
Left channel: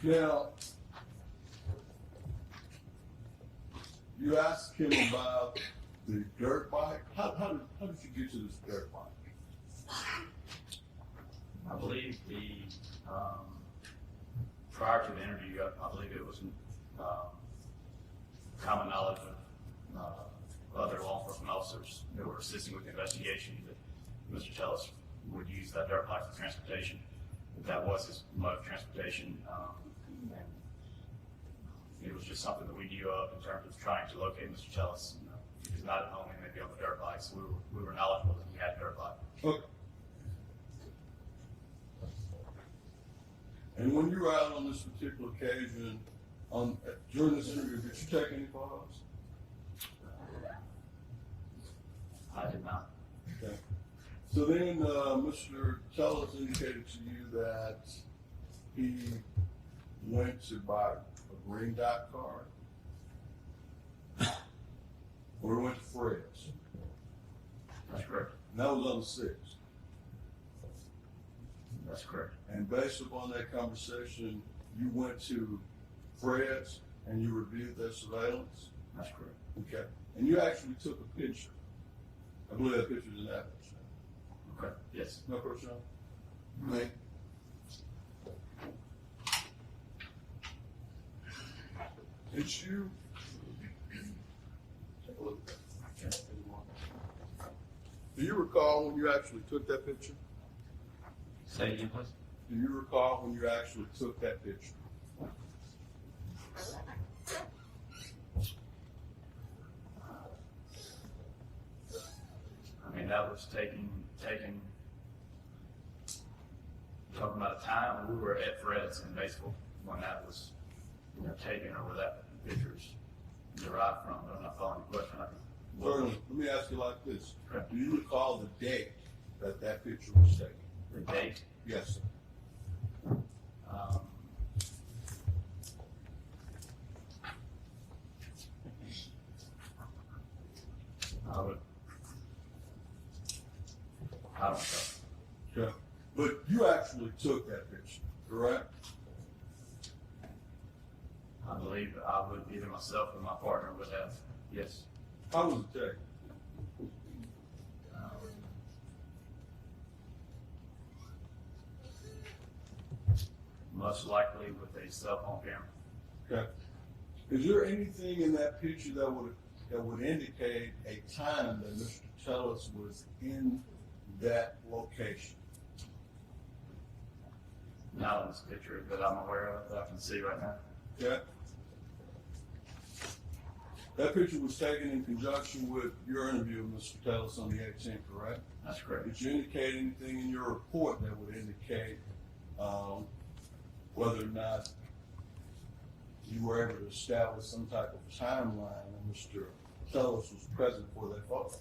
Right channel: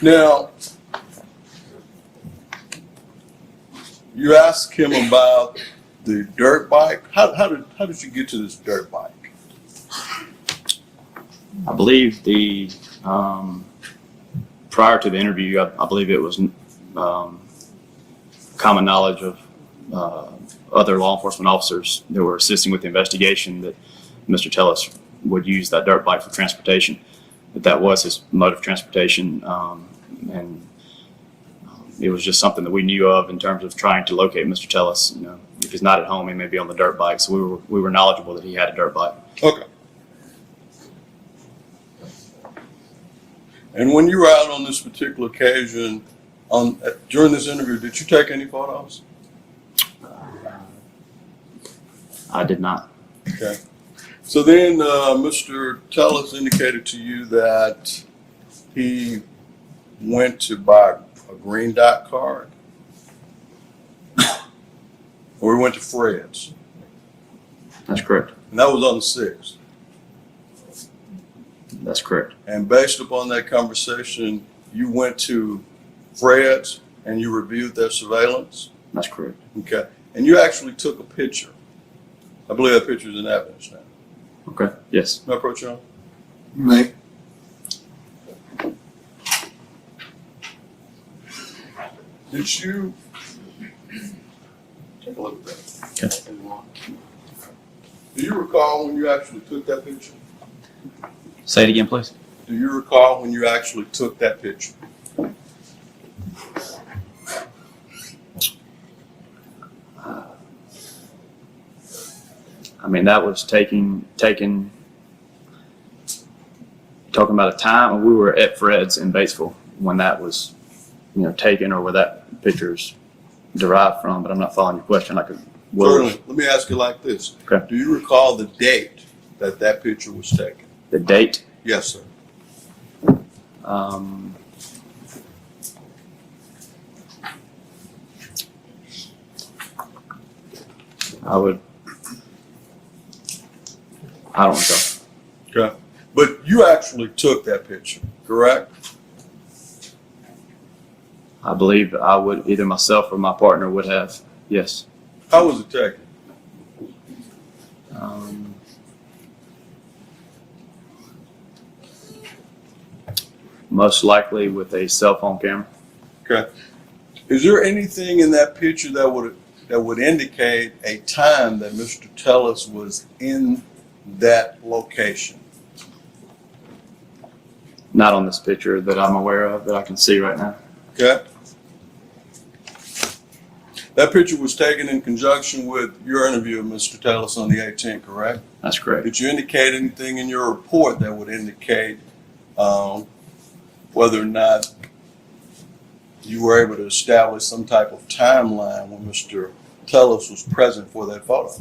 Now, you asked him about the dirt bike. How did you get to this dirt bike? I believe prior to the interview, I believe it was common knowledge of other law enforcement officers that were assisting with the investigation that Mr. Tellis would use that dirt bike for transportation. That was his mode of transportation, and it was just something that we knew of in terms of trying to locate Mr. Tellis. If he's not at home, he may be on the dirt bike. So we were knowledgeable that he had a dirt bike. Okay. And when you were out on this particular occasion, during this interview, did you take any photos? I did not. Okay. So then Mr. Tellis indicated to you that he went to buy a green dot card, or he went to Fred's. That's correct. And that was on the 6th. That's correct. And based upon that conversation, you went to Fred's and you reviewed their surveillance? That's correct. Okay. And you actually took a picture. I believe that picture is in evidence now. Okay. Yes. May I approach you? May. Did you take a look at that? Okay. Do you recall when you actually took that picture? Say it again, please. Do you recall when you actually took that picture? I mean, that was taken. Talking about a time we were at Fred's in Batesville when that was, taken, or where that picture's derived from. But I'm not following your question. Certainly. Let me ask you like this. Okay. Do you recall the date that picture was taken? The date. Yes, sir. I don't know. Okay. But you actually took that picture, correct? I believe I would, either myself or my partner would have. Yes. How was it taken? Most likely with a cell phone camera. Okay. Is there anything in that picture that would indicate a time that Mr. Tellis was in that location? Not on this picture that I'm aware of that I can see right now. Okay. That picture was taken in conjunction with your interview of Mr. Tellis on the 18th, correct? That's correct. Did you indicate anything in your report that would indicate whether or not you were able to establish some type of timeline when Mr. Tellis was present for that photo?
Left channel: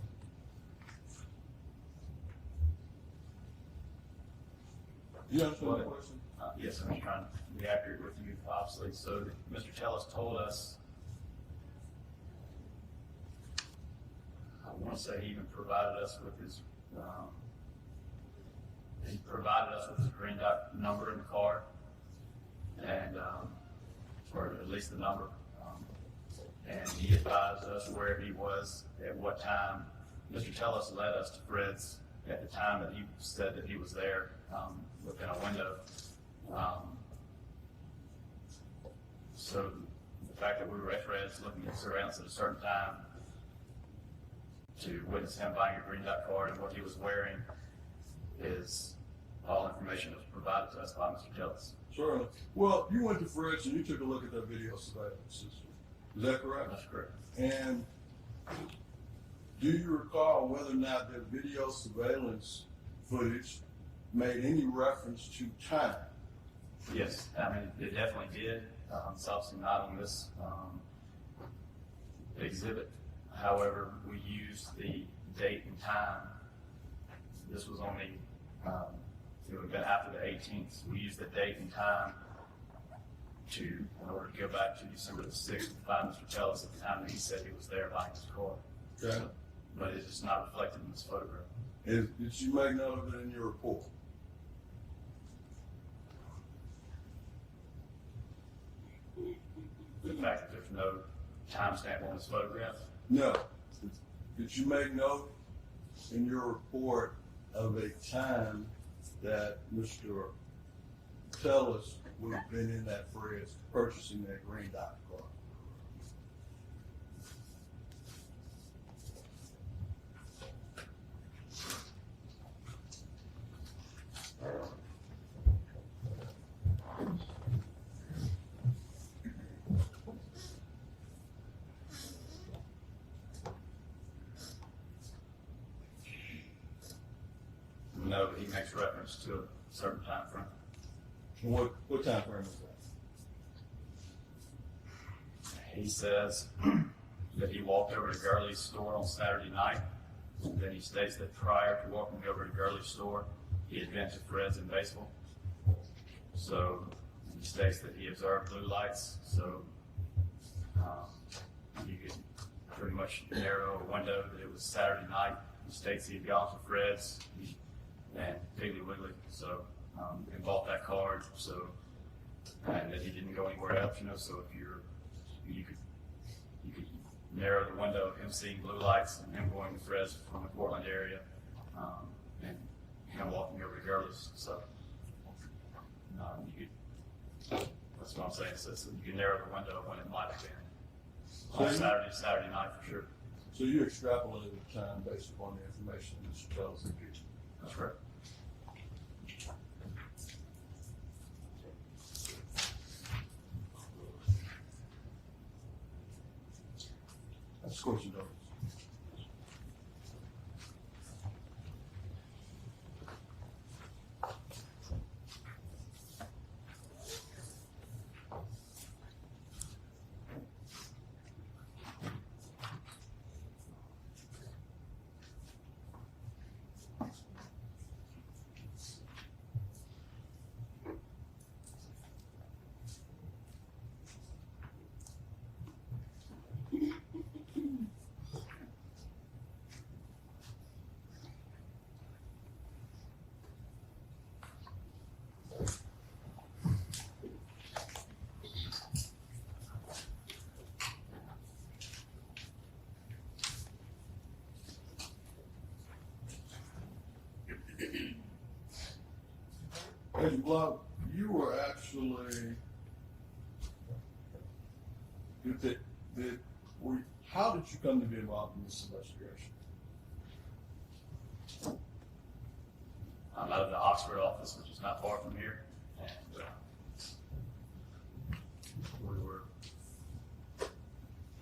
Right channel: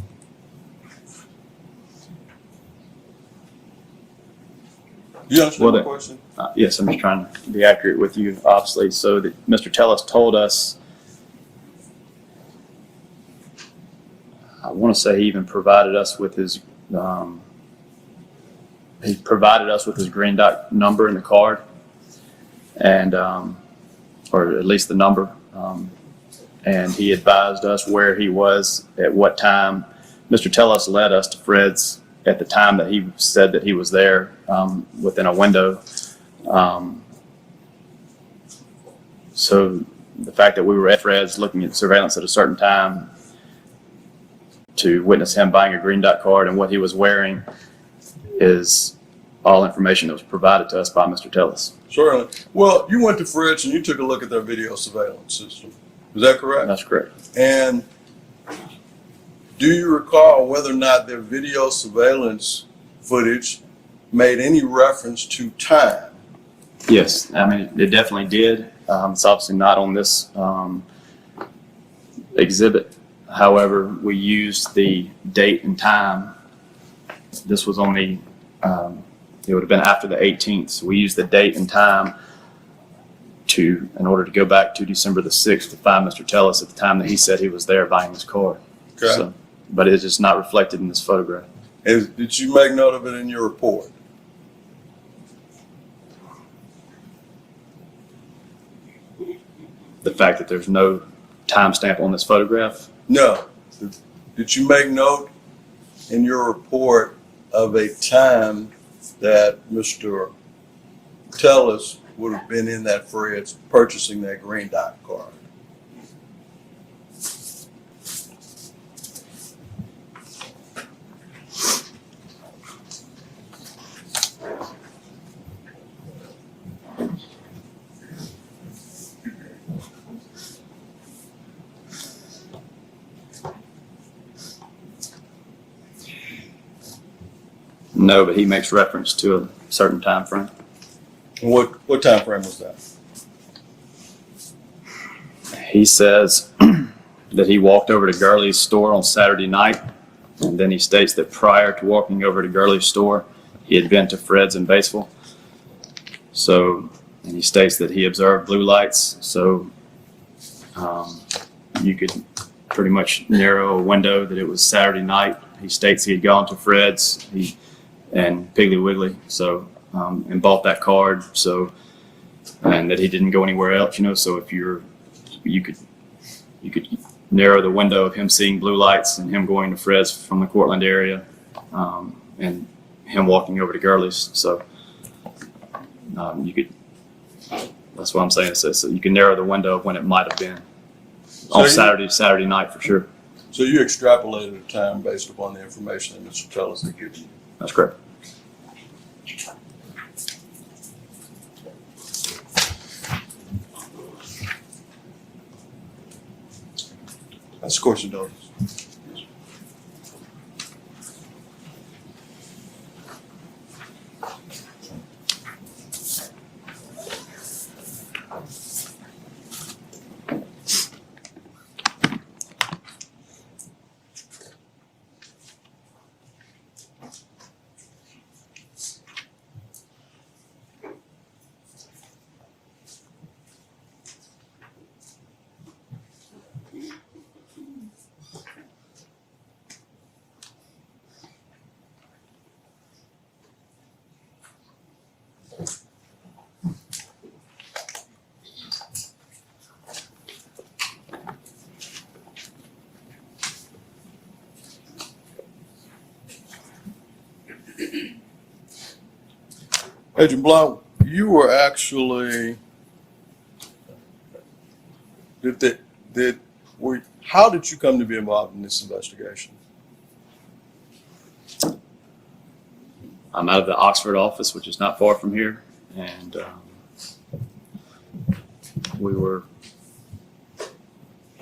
You understand my question? Yes, I'm just trying to be accurate with you, obviously. So that Mr. Tellis told us, I want to say he even provided us with his, green dot number in the card, and or at least the number, and he advised us where he was at what time. Mr. Tellis led us to Fred's at the time that he said that he was there, within a window. So the fact that we were at Fred's looking at surveillance at a certain time to witness him buying a green dot card and what he was wearing is all information that was provided to us by Mr. Tellis. Certainly. Well, you went to Fred's and you took a look at their video surveillance system. Is that correct? That's correct. And do you recall whether or not their video surveillance footage made any reference to time? Yes, I mean, it definitely did. It's obviously not on this exhibit. However, we used the date and time. This was on the, it would have been after the 18th. So we used the date and time in order to go back to December the 6th to find Mr. Tellis at the time that he said he was there buying his card. Okay. So, but it's just not reflected in this photograph. Did you make note of it in your report? The fact that there's no timestamp on this photograph. No. Did you make note in your report of a time that Mr. Tellis would have been in that Fred's purchasing that green dot card? No, but he makes reference to a certain time frame. What time frame was that? He says that he walked over to Gurley's store on Saturday night, and then he states that prior to walking over to Gurley's store, he had been to Fred's in Batesville. So, and he states that he observed blue lights, so you could pretty much narrow a window that it was Saturday night. He states he had gone to Fred's and Piggly Wiggly, so and bought that card, so, and that he didn't go anywhere else, so if you could narrow the window of him seeing blue lights and him going to Fred's from the Cortland area, and him walking over to Gurley's. So you could. That's what I'm saying. So you can narrow the window of when it might have been on Saturday night for sure. So you extrapolated the time based upon the information that Mr. Tellis had given you? That's correct. That's of course indulgence. Agent Blount, you were actually how did you come to be involved in this investigation? I'm out of the Oxford office, which is not far from here, and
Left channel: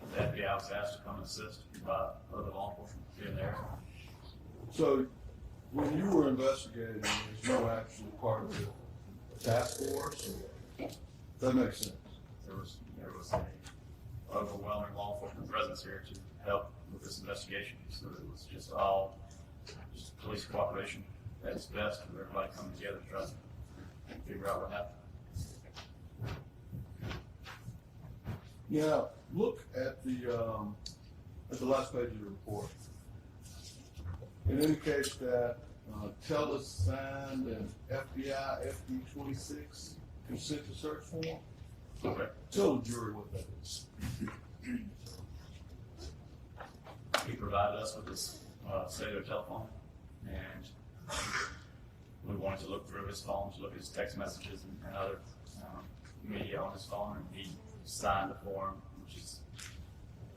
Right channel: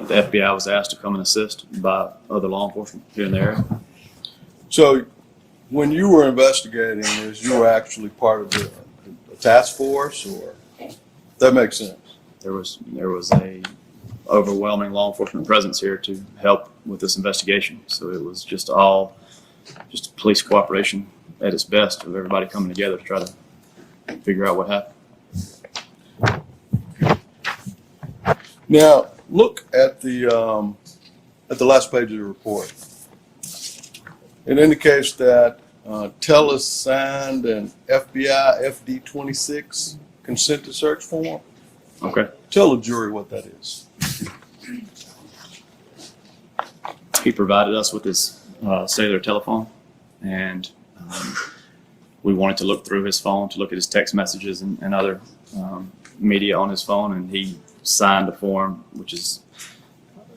the FBI was asked to come and assist by other law enforcement here in the area. So when you were investigating this, you were actually part of the task force, or that makes sense? There was a overwhelming law enforcement presence here to help with this investigation. So it was just police cooperation at its best, of everybody coming together to try to figure out what happened. Now look at the last page of the report. It indicates that Tellis signed an FBI FD-26 consent to search form. Okay. Tell the jury what that is. He provided us with his cellular telephone, and we wanted to look through his phone to look at his text messages and other media on his phone, and he signed a form, which is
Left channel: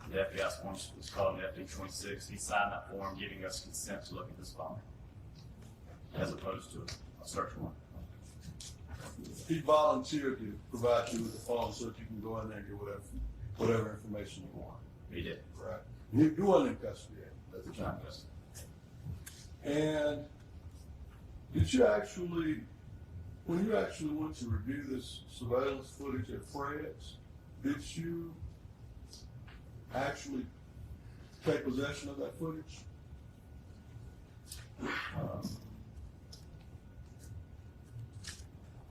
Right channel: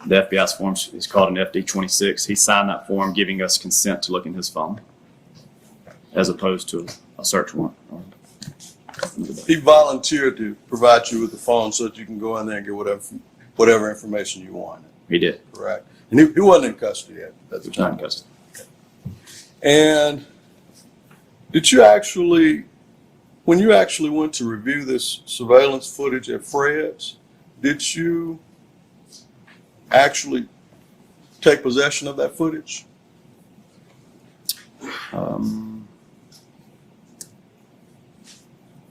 the FBI's form is called an FD-26. He signed that form giving us consent to look in his phone, as opposed to a search warrant. He volunteered to provide you with the phone so that you can go in there and get whatever information you want. He did. Correct. And he wasn't in custody at the He was time. not in custody. And did you actually, when you actually went to review this surveillance footage at Fred's, did you actually take possession of that footage?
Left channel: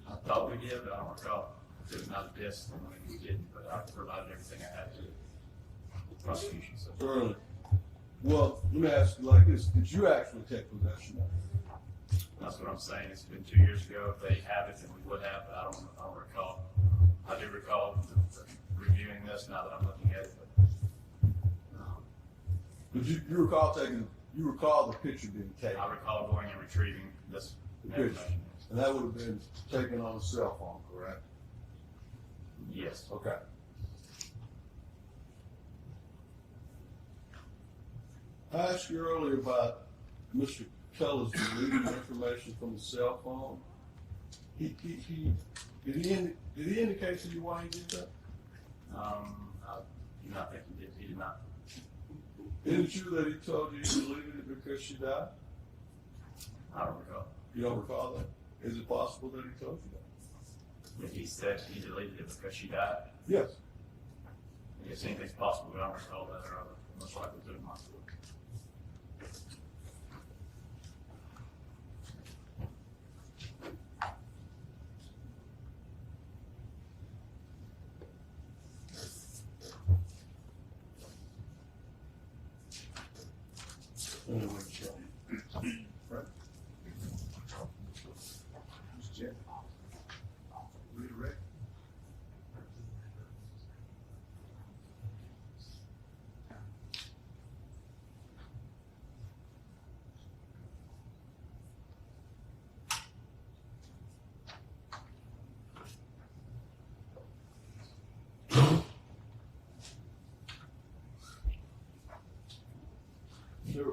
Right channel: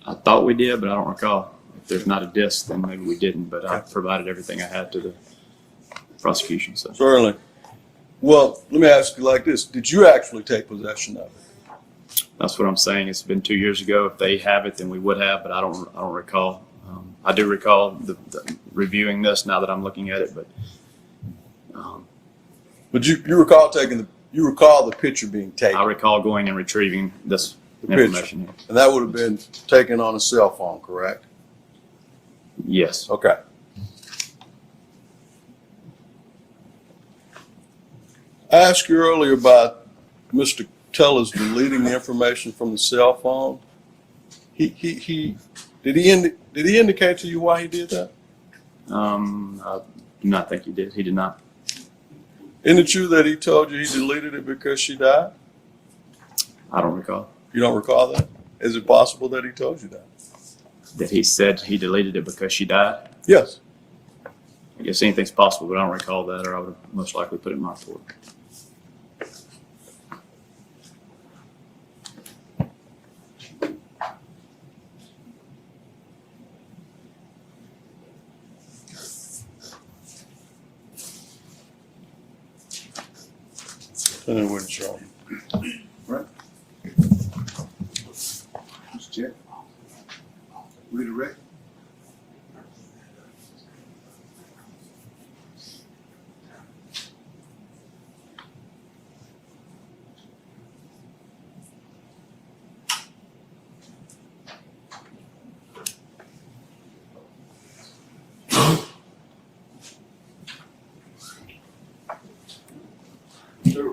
I thought we did, but I don't recall. If there's not a disc, then maybe we didn't, but I provided everything I had to the prosecution. So Certainly. Well, let me ask you like this. Did you actually take possession of it? that's what I'm saying. It's been 2 years ago. If they have it, then we would have, but I don't recall. I do recall the reviewing this now that I'm looking at it, but you recall the picture being taken? I recall going and retrieving this picture. information. And that would have been taken on a cell phone, correct? Yes. Okay. I asked you earlier about Mr. Tellis deleting the information from the cell phone. Did he indicate to you why he did that? I do not think he did. He did not. Isn't it true that he told you he deleted it because she died? I don't recall. You don't recall that? Is it possible that he told you that? That he said he deleted it because she died? Yes. I guess anything's possible, but I don't recall that, or I would have most likely put it in my report. And then wouldn't show him. Right. Mr. Chair. Read the record.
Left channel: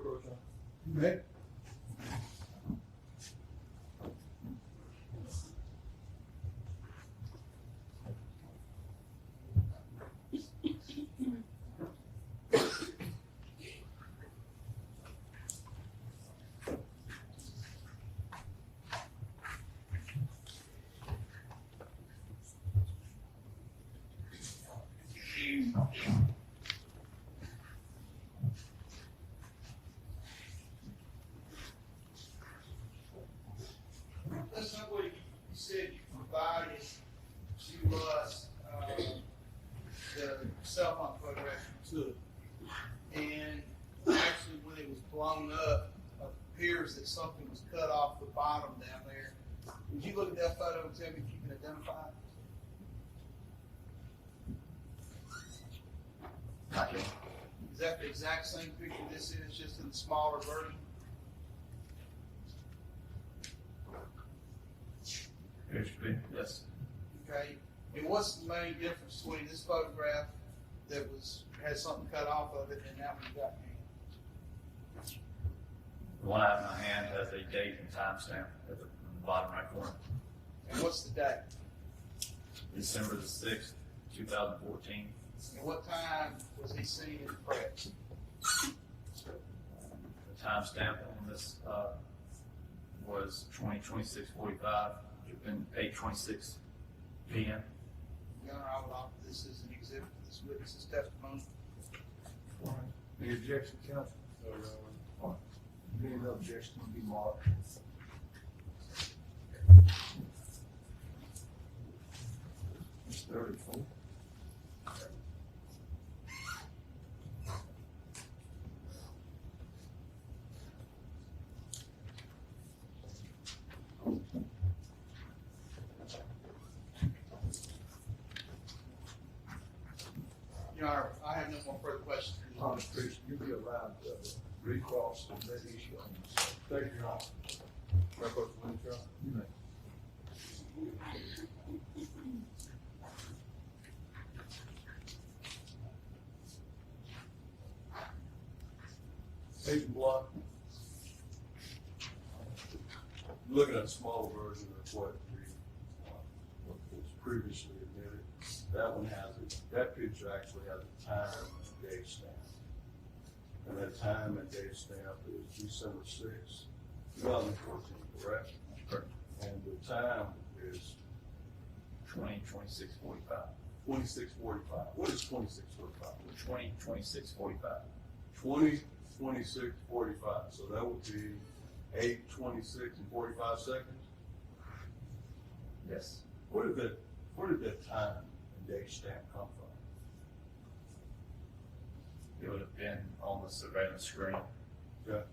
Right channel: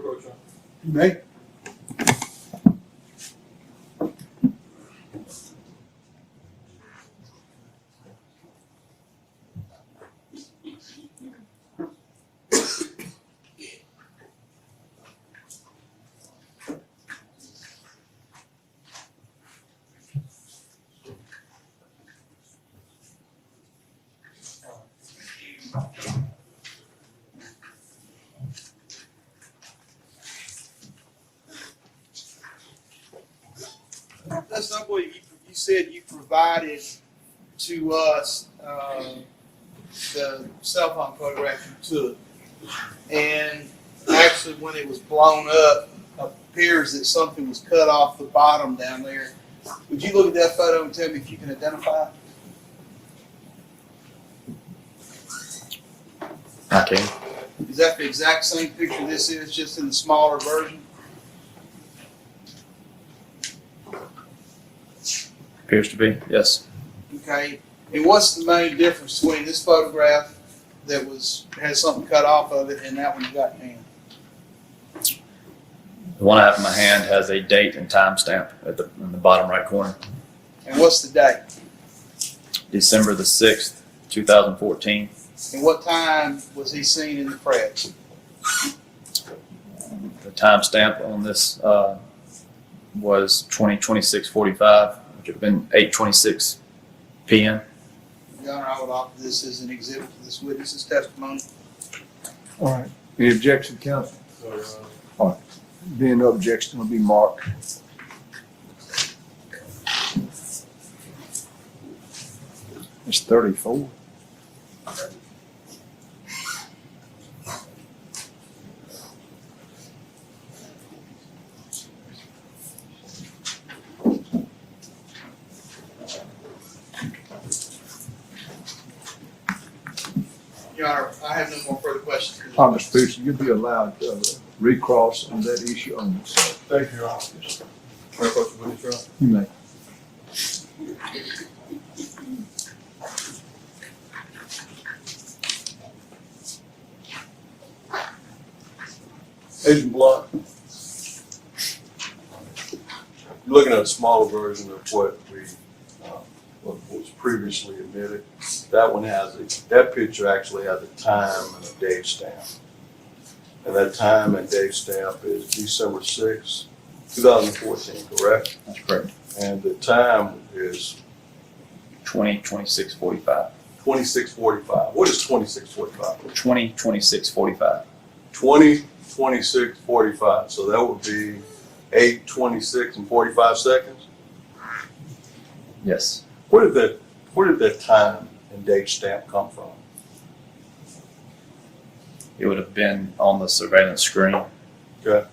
approach, Your Honor. You may. That's not what you said you provided to us, the cell phone photograph you took. And actually, when it was blown up, appears that something was cut off the bottom down there. Would you look at that photo and tell me if you can identify it? I can. Is that the exact same picture this is, just in the smaller version? Appears to be, yes. Okay. And what's the main difference between this photograph that has something cut off of it and that one you got in hand? The one I have in my hand has a date and timestamp in the bottom right corner. And what's the date? December the 6th, 2014. And what time was he seen in the press? The timestamp on this was 20:26:45, which would have been 8:26 p.m. Your Honor, I would offer this as an exhibit to this witness's testimony. All right. Any objection, counsel? So, Your Honor. All right. Being no objection, will be marked. It's 34. Your Honor, I have no more further questions. Mr. Pearson, you'll be allowed recross on that issue only. So Thank you, Your Honor. May I approach the witness, Your Honor? you may. Agent Blunt, you're looking at a smaller version of what what was previously admitted. That picture actually has a time and a date stamp. And that time and date stamp is December 6, 2014, correct? That's correct. And the time is 20:26:45. 26:45. What is 26:45? 20:26:45. 20:26:45. So that would be 8:26 and 45 seconds. Yes. Where did that time and date stamp come from? It would have been on the surveillance screen. Okay.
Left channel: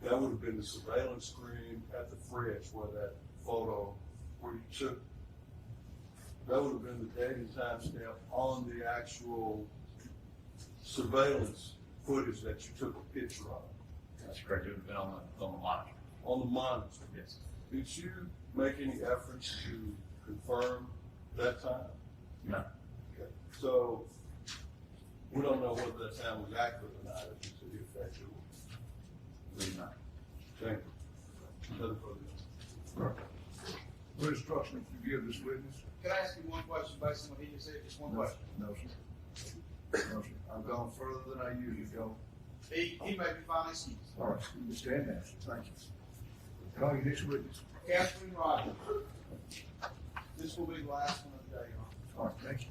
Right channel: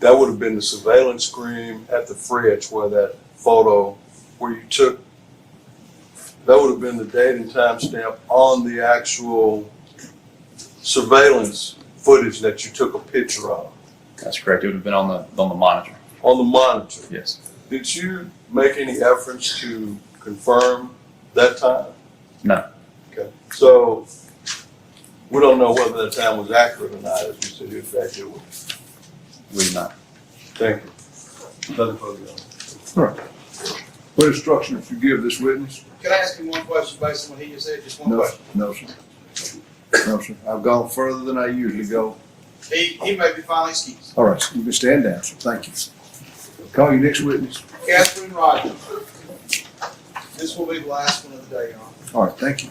That would have been the surveillance screen at the fridge where that photo, where you took, that would have been the date and time stamp on the actual surveillance footage that you took a picture of. That's correct. It would have been on the monitor. On the monitor. Yes. Did you make any efforts to confirm that time? No. Okay. So we don't know whether that time was accurate or not, as we sit here today, do we? We did not. Thank you. Nothing further. All right. What instructions you give this witness? Can I ask him one question based on what he just said? Just one No, question. no, sir. No, sir. I've gone further than I usually go. He may be finally excused. All right, you can stand down, sir. Thank you. Call your next witness. Catherine Rogers. This will be the last one of the day, Your Honor. All right, thank you.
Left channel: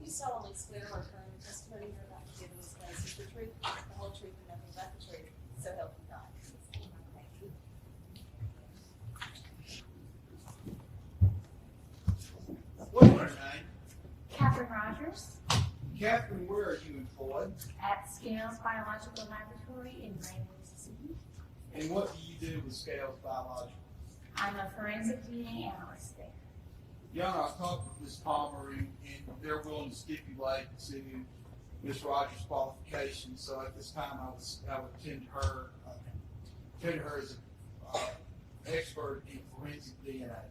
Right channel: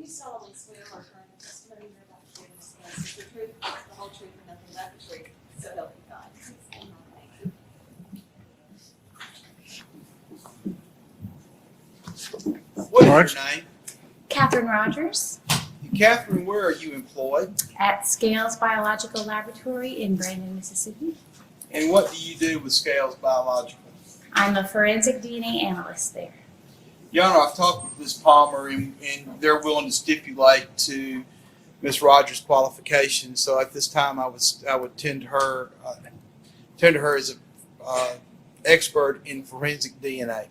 You solemnly swear or affirm the testimony you're about to give in this case is the truth, the whole truth, and nothing but the truth, so help you God. What is All your right. name? Catherine Rogers Catherine, where are you employed? at Scales Biological Laboratory in Brandon, Mississippi. And what do you do with Scales Biological? I'm a forensic DNA analyst there. Your Honor, I've talked with Ms. Palmer, and they're willing to stipulate to Ms. Rogers' qualifications. So at this time, I would tend to her as an expert in forensic DNA.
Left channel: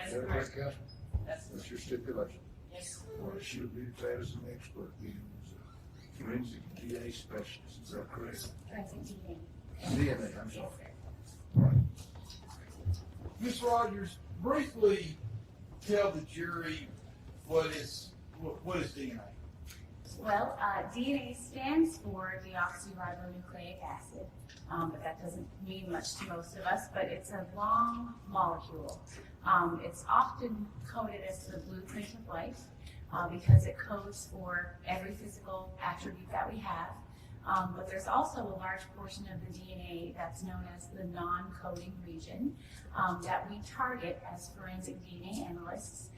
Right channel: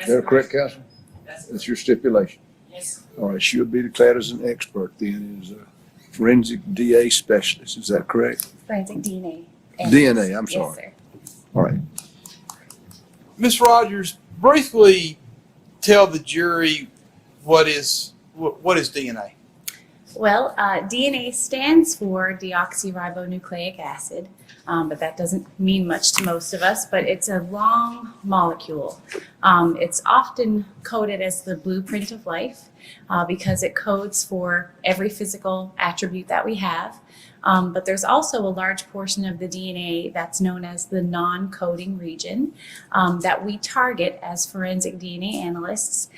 Is that correct, counsel? That's your stipulation. Yes. All right, she'll be declared as an expert then, as a forensic DA specialist. Is that correct? Forensic DNA. DNA, I'm Yes, sorry. sir. All right. Ms. Rogers, briefly tell the jury what is DNA. Well, DNA stands for deoxyribonucleic acid, but that doesn't mean much to most of us, but it's a long molecule. It's often coded as the blueprint of life because it codes for every physical attribute that we have. But there's also a large portion of the DNA that's known as the non-coding region that we target as forensic DNA analysts.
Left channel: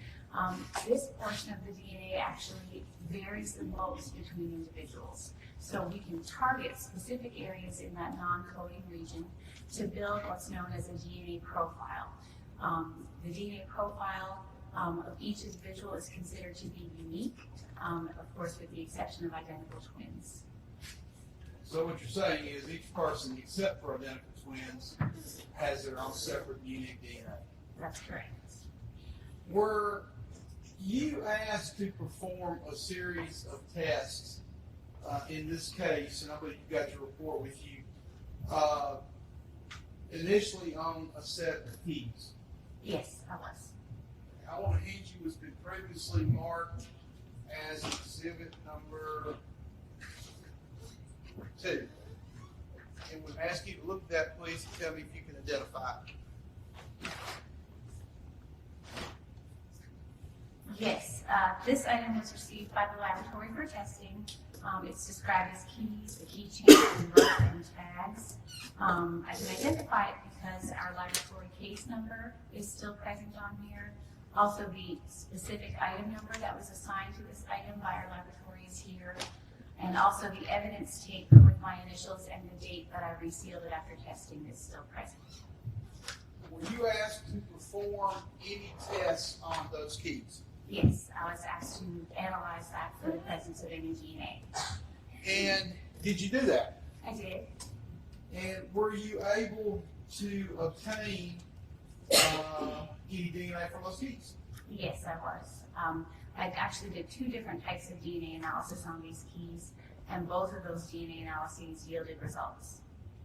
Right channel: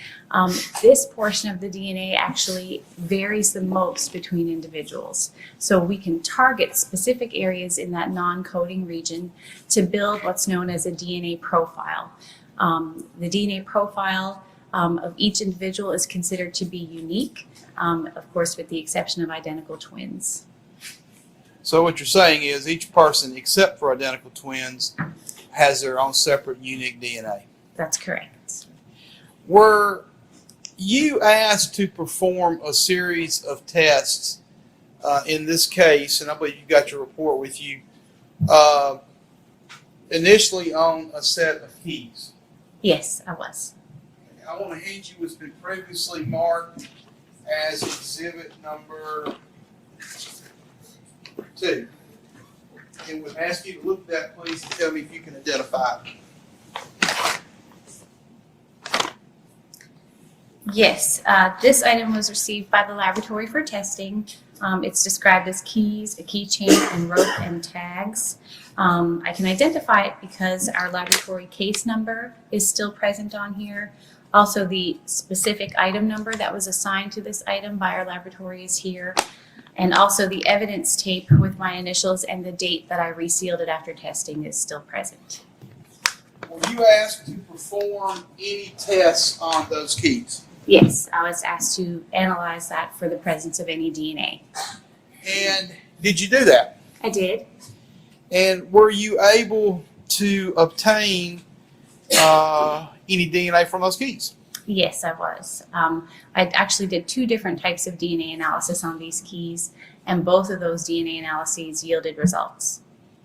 This portion of the DNA actually varies the most between individuals. So we can target specific areas in that non-coding region to build what's known as a DNA profile. The DNA profile of each individual is considered to be unique, of course, with the exception of identical twins. So what you're saying is each person, except for identical twins, has their own separate unique DNA. That's correct. Were you asked to perform a series of tests in this case, and I believe you got your report with you, initially on a set of keys? Yes, I was. I want to hand you what's been previously marked as exhibit number 2. And would ask you to look at that, please, and tell me if you can identify it. Yes, this item was received by the laboratory for testing. It's described as keys, a keychain, and rope and tags. I can identify it because our laboratory case number is still present on here. Also, the specific item number that was assigned to this item by our laboratory is here. And also the evidence tape with my initials and the date that I resealed it after testing is still present. Were you asked to perform any tests on those keys? Yes, I was asked to analyze that for the presence of any DNA. And did you do that? I did. And were you able to obtain any DNA from those keys? Yes, I was. I actually did 2 different types of DNA analysis on these keys, and both of those DNA analyses yielded results.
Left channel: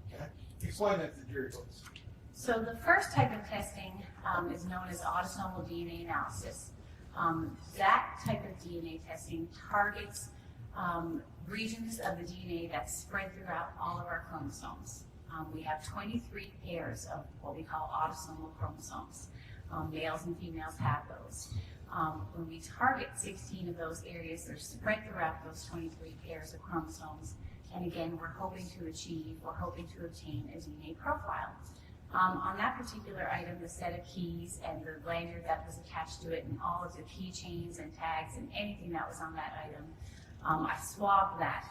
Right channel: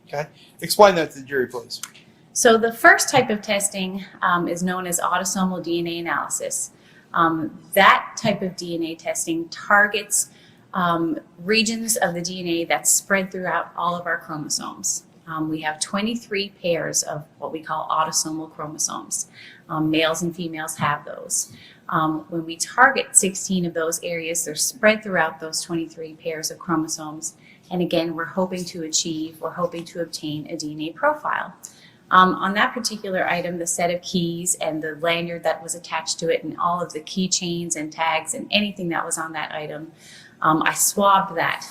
Okay. Explain that to the jury, please. So the first type of testing is known as autosomal DNA analysis. That type of DNA testing targets regions of the DNA that's spread throughout all of our chromosomes. We have 23 pairs of what we call autosomal chromosomes. Males and females have those. When we target 16 of those areas, they're spread throughout those 23 pairs of chromosomes. And again, we're hoping to obtain a DNA profile. On that particular item, the set of keys and the lanyard that was attached to it and all of the keychains and tags and anything that was on that item, I swabbed that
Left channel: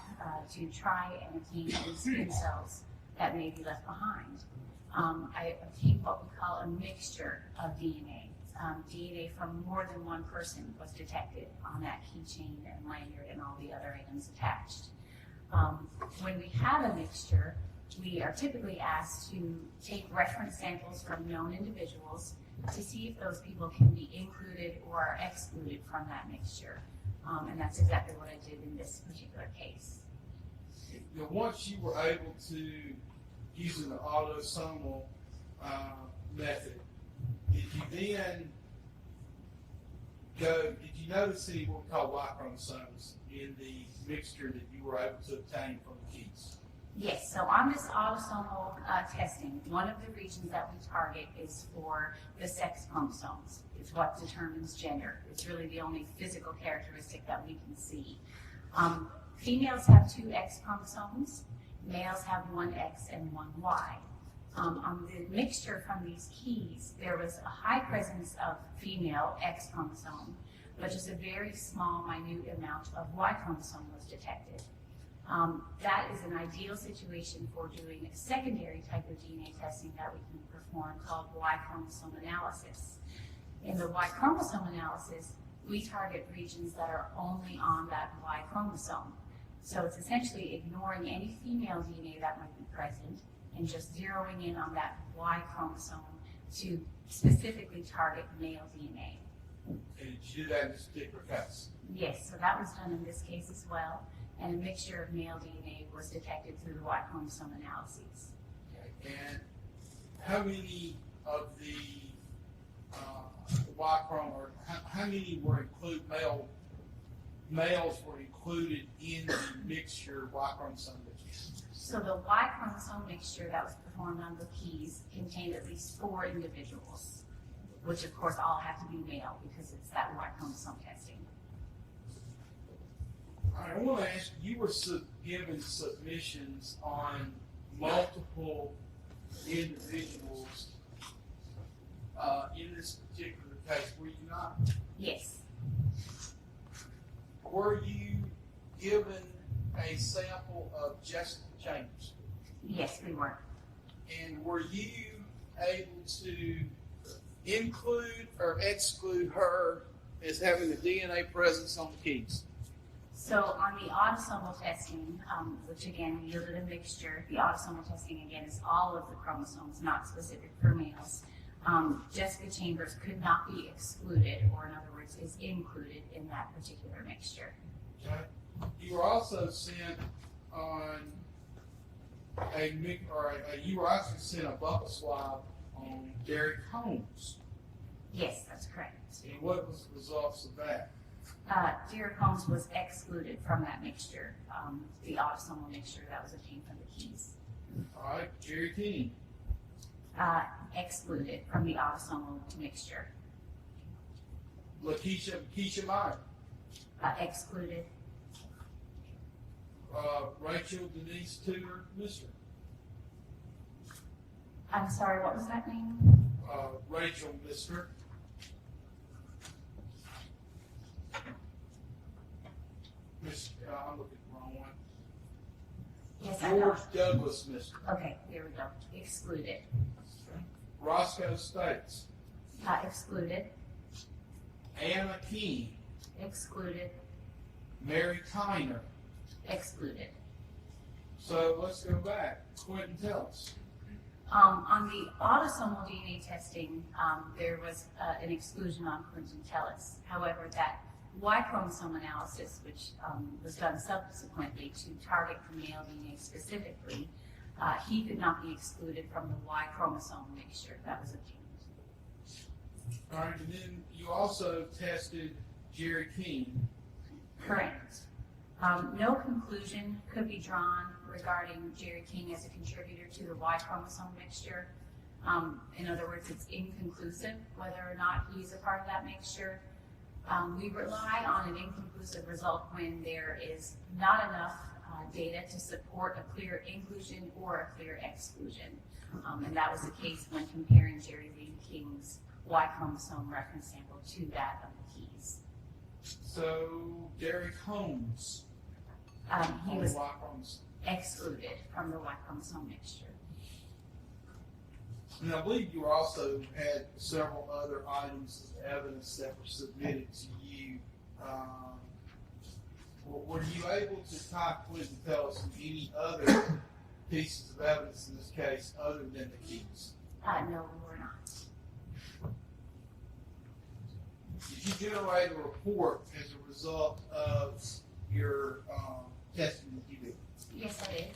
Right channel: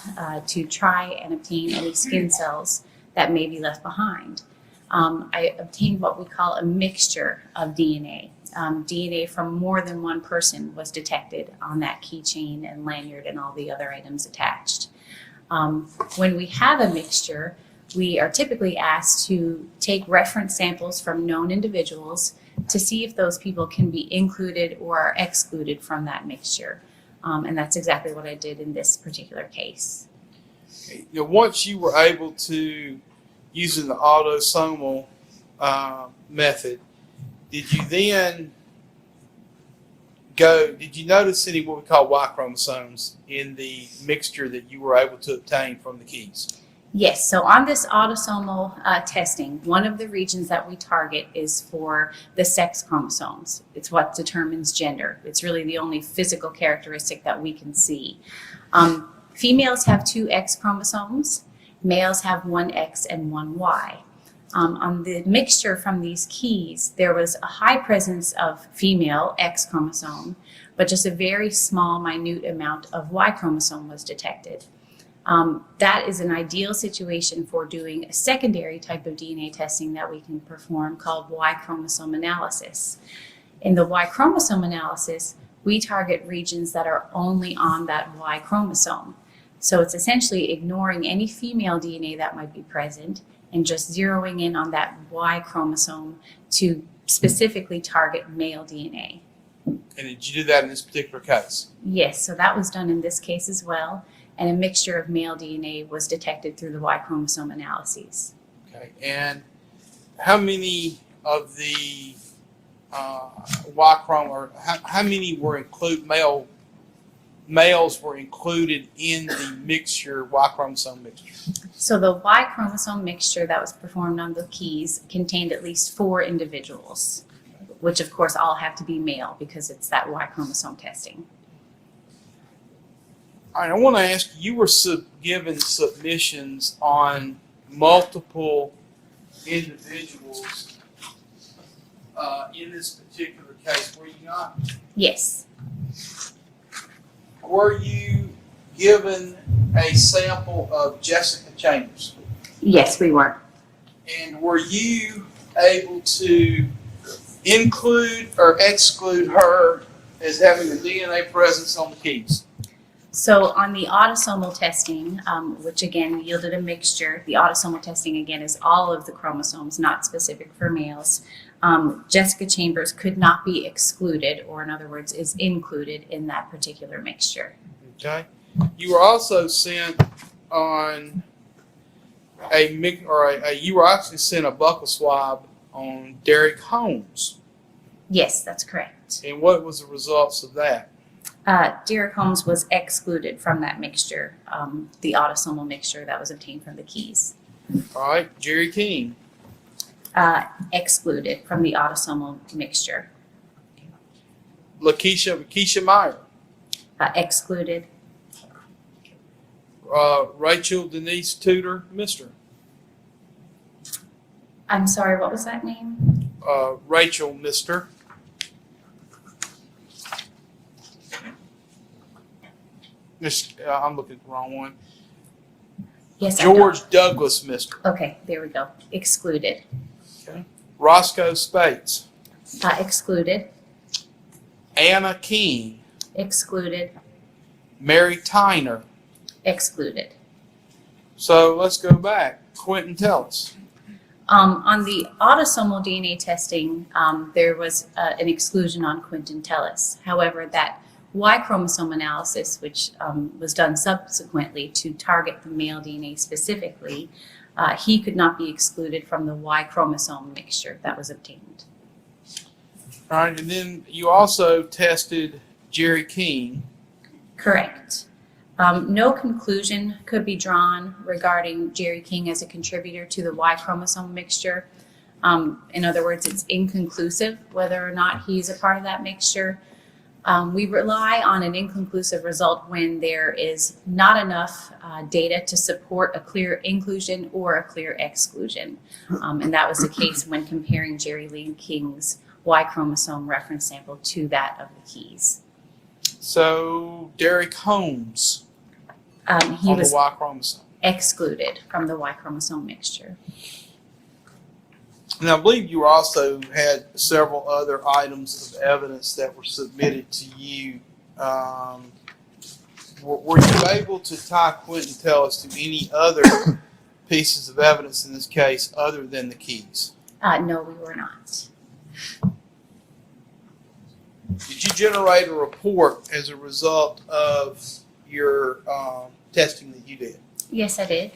to try and obtain any skin cells that may be left behind. I obtained what we call a mixture of DNA. DNA from more than one person was detected on that keychain and lanyard and all the other items attached. When we have a mixture, we are typically asked to take reference samples from known individuals to see if those people can be included or are excluded from that mixture. And that's exactly what I did in this particular case. You know, once you were able to, using the autosomal method, did you notice any what we call Y chromosomes in the mixture that you were able to obtain from the keys? Yes, so on this autosomal testing, one of the regions that we target is for the sex chromosomes. It's what determines gender. It's really the only physical characteristic that we can see. Females have 2 X chromosomes. Males have 1 X and 1 Y. On the mixture from these keys, there was a high presence of female X chromosome, but just a very small, minute amount of Y chromosome was detected. That is an ideal situation for doing a secondary type of DNA testing that we can perform called Y chromosome analysis. In the Y chromosome analysis, we target regions that are only on that Y chromosome. So it's essentially ignoring any female DNA that might be present and just zeroing in on that Y chromosome to specifically target male DNA. And did you do that in this particular case? Yes, so that was done in this case as well, and a mixture of male DNA was detected through the Y chromosome analyses. Okay. And how many of the Y chromosome, or how many were males were included in the mixture, Y chromosome mixture? So the Y chromosome mixture that was performed on the keys contained at least 4 individuals, which of course all have to be male because it's that Y chromosome testing. All right, I want to ask you, were given submissions on multiple individuals in this particular case, were you not? Yes, Were you given a sample of Jessica Chambers? yes, we were. And were you able to include or exclude her as having a DNA presence on the keys? So on the autosomal testing, which again yielded a mixture, the autosomal testing again is all of the chromosomes, not specific for males. Jessica Chambers could not be excluded, or in other words, is included in that particular mixture. Okay. You were also sent on you were actually sent a buccal swab on Derek Holmes. Yes, that's correct. And what was the results of that? Derek Holmes was excluded from that mixture, the autosomal mixture that was obtained from the keys. All right. Jerry King. Excluded from the autosomal mixture. Keisha Meyer. Excluded. Rachel Denise Tudor Mister. I'm sorry, what was that name? Rachel Mister. I'm looking at the wrong one. Yes, George Douglas Mister. Okay, there we go. Excluded. Roscoe Spates. Excluded. Anna King. Excluded. Mary Tyner. Excluded. So let's go back. Quentin Tellis. On the autosomal DNA testing, there was an exclusion on Quentin Tellis. However, that Y chromosome analysis, which was done subsequently to target the male DNA specifically, he could not be excluded from the Y chromosome mixture that was obtained. All right, and then you also tested Jerry King. Correct. No conclusion could be drawn regarding Jerry King as a contributor to the Y chromosome mixture. In other words, it's inconclusive whether or not he's a part of that mixture. We rely on an inconclusive result when there is not enough data to support a clear inclusion or a clear exclusion. And that was the case when comparing Jerry Lee King's Y chromosome reference sample to that of the keys. So Derek Holmes He on was the Y chromosome. excluded from the Y chromosome mixture. And I believe you also had several other items of evidence that were submitted to you. Were you able to tie Quentin Tellis to any other pieces of evidence in this case other than the keys? No, we were not. Did you generate a report as a result of your testing that you did? Yes, I did.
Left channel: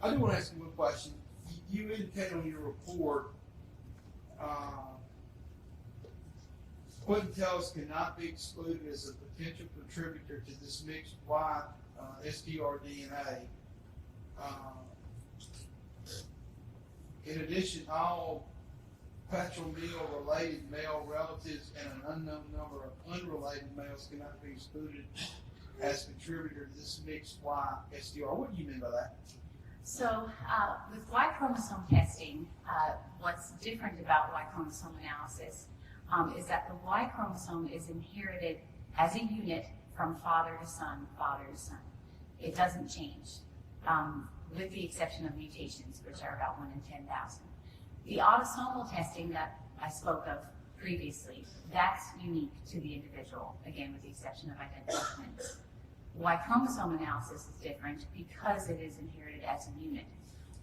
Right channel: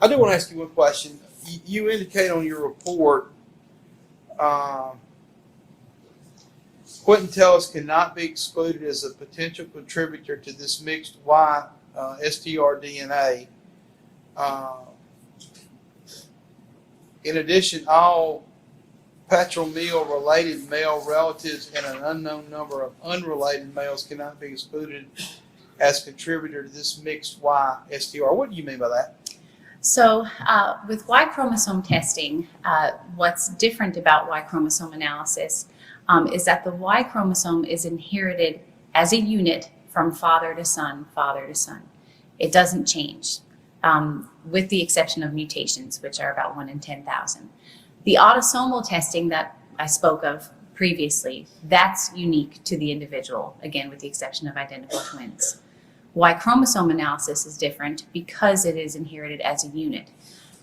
I do want to ask you one question. You indicate on your report Quentin Tellis cannot be excluded as a potential contributor to this mixed Y STR DNA. In addition, all patrilineal related male relatives and an unknown number of unrelated males cannot be excluded as contributor to this mixed Y STR. What do you mean by that? So with Y chromosome testing, what's different about Y chromosome analysis is that the Y chromosome is inherited as a unit from father to son, father to son. It doesn't change, with the exception of mutations, which are about 1 in 10,000. The autosomal testing that I spoke of previously, that's unique to the individual, again, with the exception of identical twins. Y chromosome analysis is different because it is inherited as a unit.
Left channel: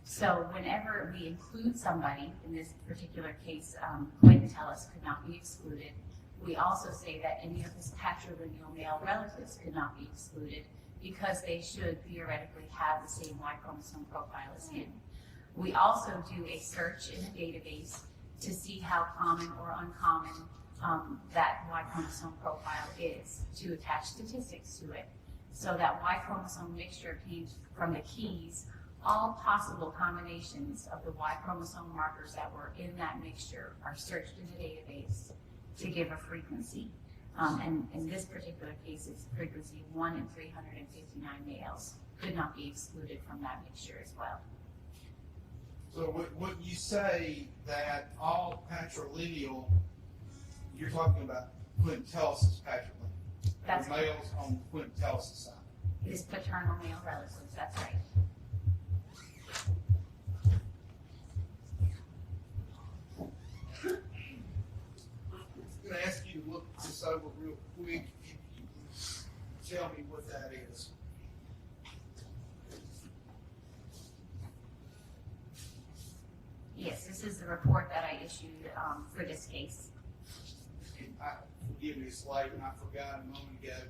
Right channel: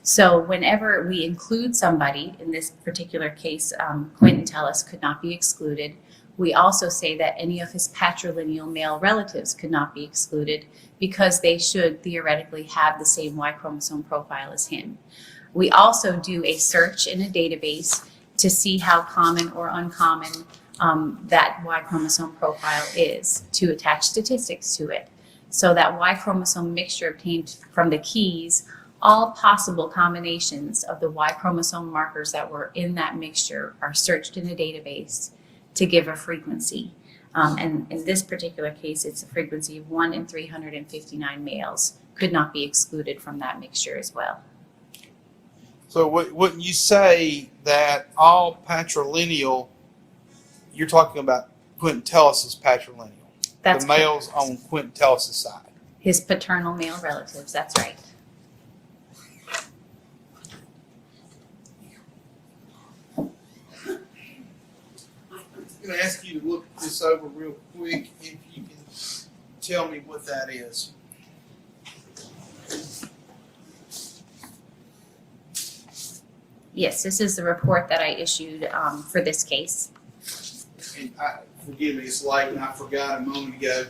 So whenever we include somebody, in this particular case, Quentin Tellis could not be excluded. We also say that any of his patrilineal male relatives could not be excluded because they should theoretically have the same Y chromosome profile as him. We also do a search in a database to see how common or uncommon that Y chromosome profile is, to attach statistics to it. So that Y chromosome mixture obtained from the keys, all possible combinations of the Y chromosome markers that were in that mixture are searched in a database to give a frequency. And in this particular case, it's a frequency of 1 in 359 males could not be excluded from that mixture as well. So wouldn't you say that all patrilineal, you're talking about Quentin Tellus's patrilineal, That's the males on Quentin Tellus's side? his paternal male relatives, that's right. I'm going to ask you to look this over real quick if you can tell me what that is. Yes, this is the report that I issued for this case. And forgive me, it's late and I forgot a moment ago.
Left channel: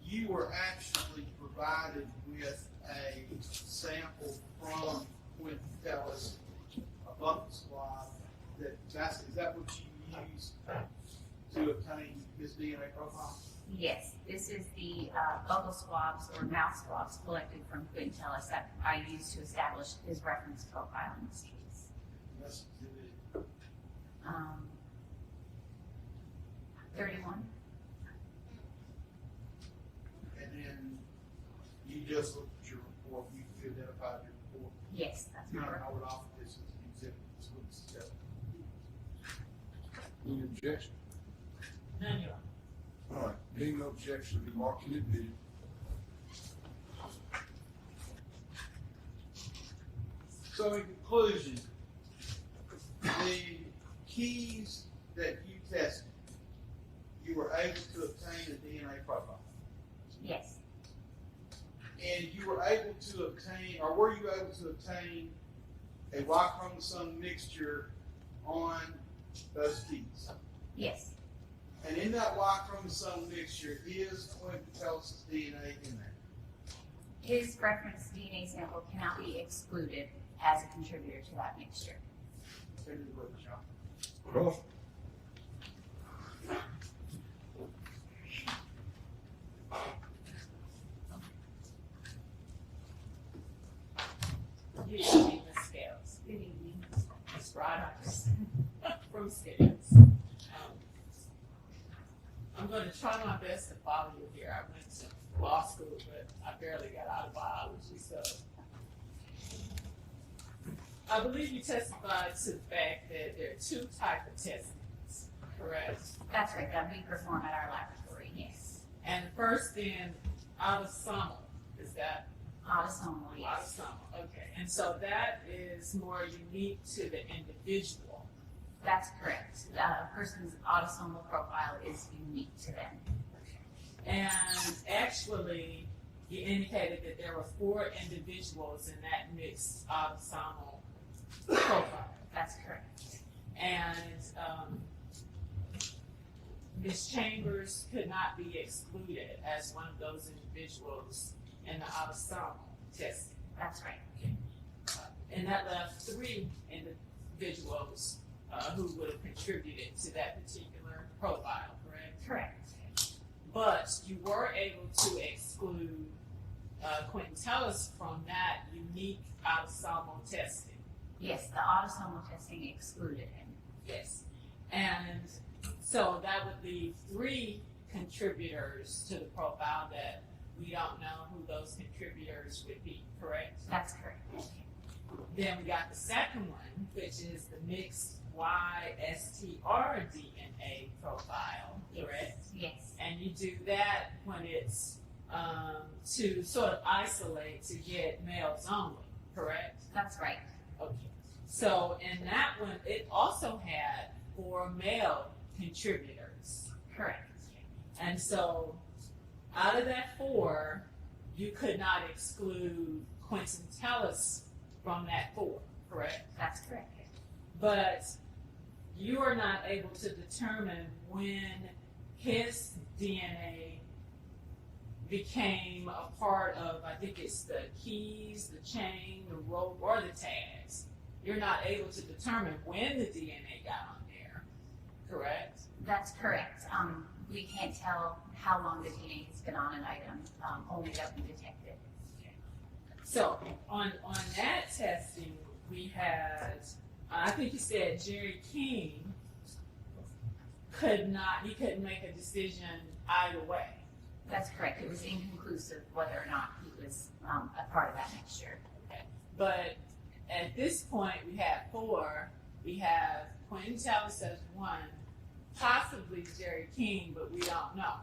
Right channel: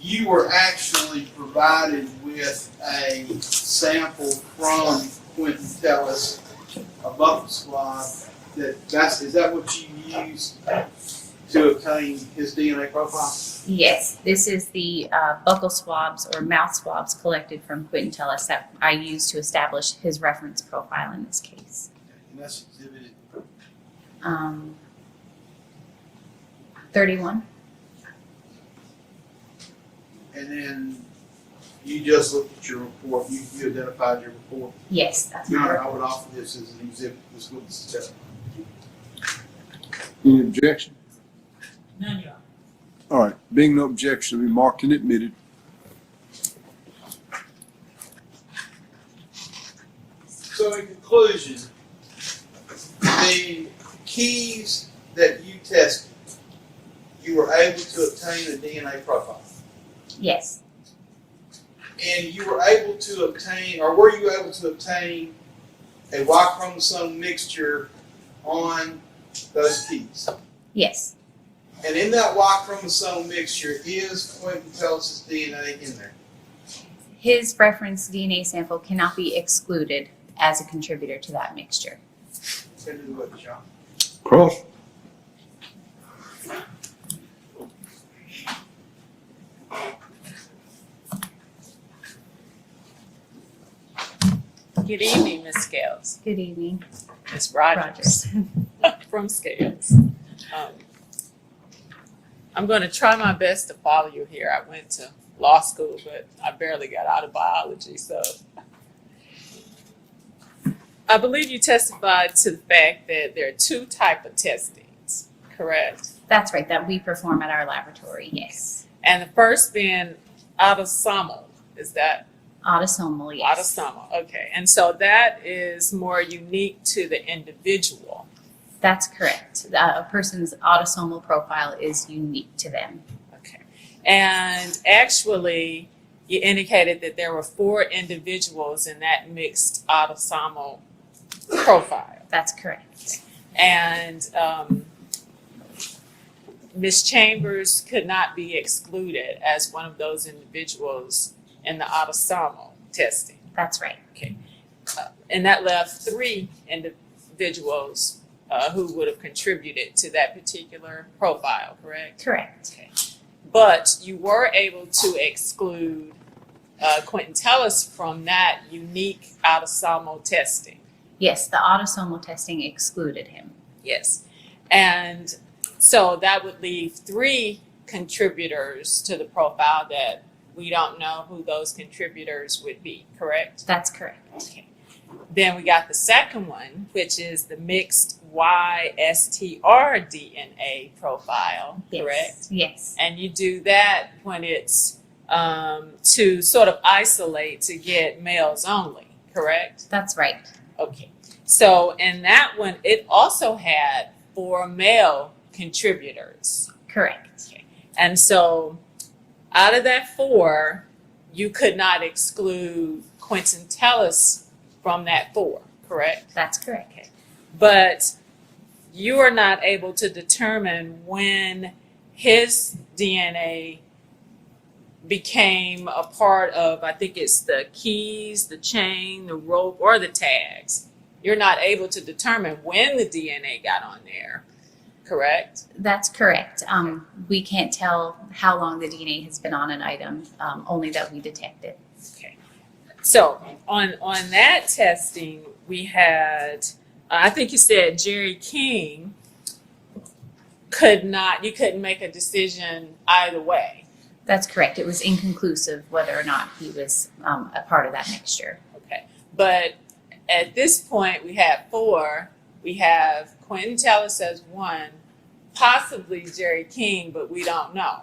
You were actually provided with a sample from Quentin Tellus, a buccal swab. Is that what you used to obtain his DNA profile? Yes, this is the buccal swabs or mouth swabs collected from Quentin Tellus that I used to establish his reference profile in this case. And that's exhibited. 31. And then you just looked at your report. You identified your report. Yes, that's my I report. would offer this as an exhibit. This witness testimony. Any objection? None, Your Honor. All right, being no objection, will be marked and admitted. So in conclusion, the keys that you tested, you were able to obtain a DNA profile. Yes, And you were able to obtain, or were you able to obtain a Y chromosome mixture on those keys? yes, And in that Y chromosome mixture is Quentin Tellus's DNA in there. his reference DNA sample cannot be excluded as a contributor to that mixture. Can do what, John? Cross. Good evening, Ms. Scales. Good evening, Ms. Rogers Rogers. from Scales. I'm going to try my best to follow you here. I went to law school, but I barely got out of biology, so. I believe you testified to the fact that there are two types of testings, correct? That's right, that we perform at our laboratory, yes. And the first being autosomal, is that? Autosomal, yes. Autosomal, okay. And so that is more unique to the individual. That's correct. A person's autosomal profile is unique to them. Okay. And actually, you indicated that there were 4 individuals in that mixed autosomal profile. That's correct. And Ms. Chambers could not be excluded as one of those individuals in the autosomal testing. That's right. And that left 3 individuals who would have contributed to that particular profile, correct? Correct. But you were able to exclude Quentin Tellus from that unique autosomal testing. Yes, the autosomal testing excluded him. Yes. And so that would leave 3 contributors to the profile that we don't know who those contributors would be, correct? That's correct. Okay. Then we got the second one, which is the mixed YSTR DNA profile, correct? Yes. And you do that when it's to sort of isolate to get males only, correct? That's right. Okay. So in that one, it also had 4 male contributors. Correct. And so out of that 4, you could not exclude Quentin Tellus from that 4, correct? That's correct. But you are not able to determine when his DNA became a part of, I think it's the keys, the chain, the rope, or the tags. You're not able to determine when the DNA got on there, correct? That's correct. We can't tell how long the DNA has been on an item, only that we detect it. Okay. So on that testing, we had, I think you said Jerry King you couldn't make a decision either way. That's correct. It was inconclusive whether or not he was a part of that mixture. Okay. But at this point, we have 4. We have Quentin Tellis as 1, possibly Jerry King, but we don't know.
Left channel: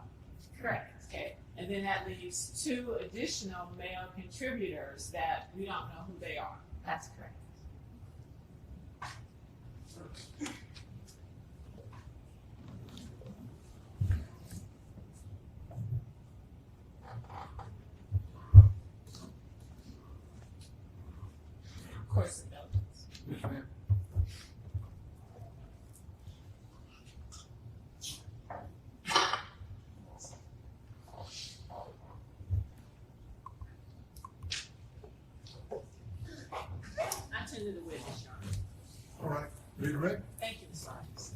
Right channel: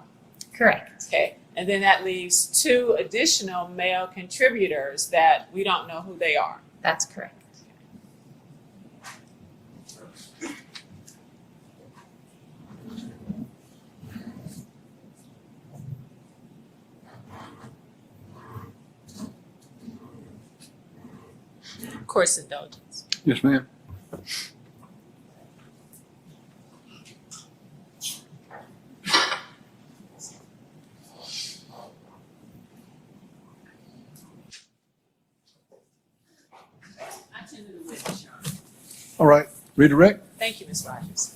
Correct. Okay. And then that leaves 2 additional male contributors that we don't know who they are. That's correct. Course indulgence. Yes, ma'am. I tend to the witness, Your Honor. All right, redirect. Thank you, Ms. Rogers.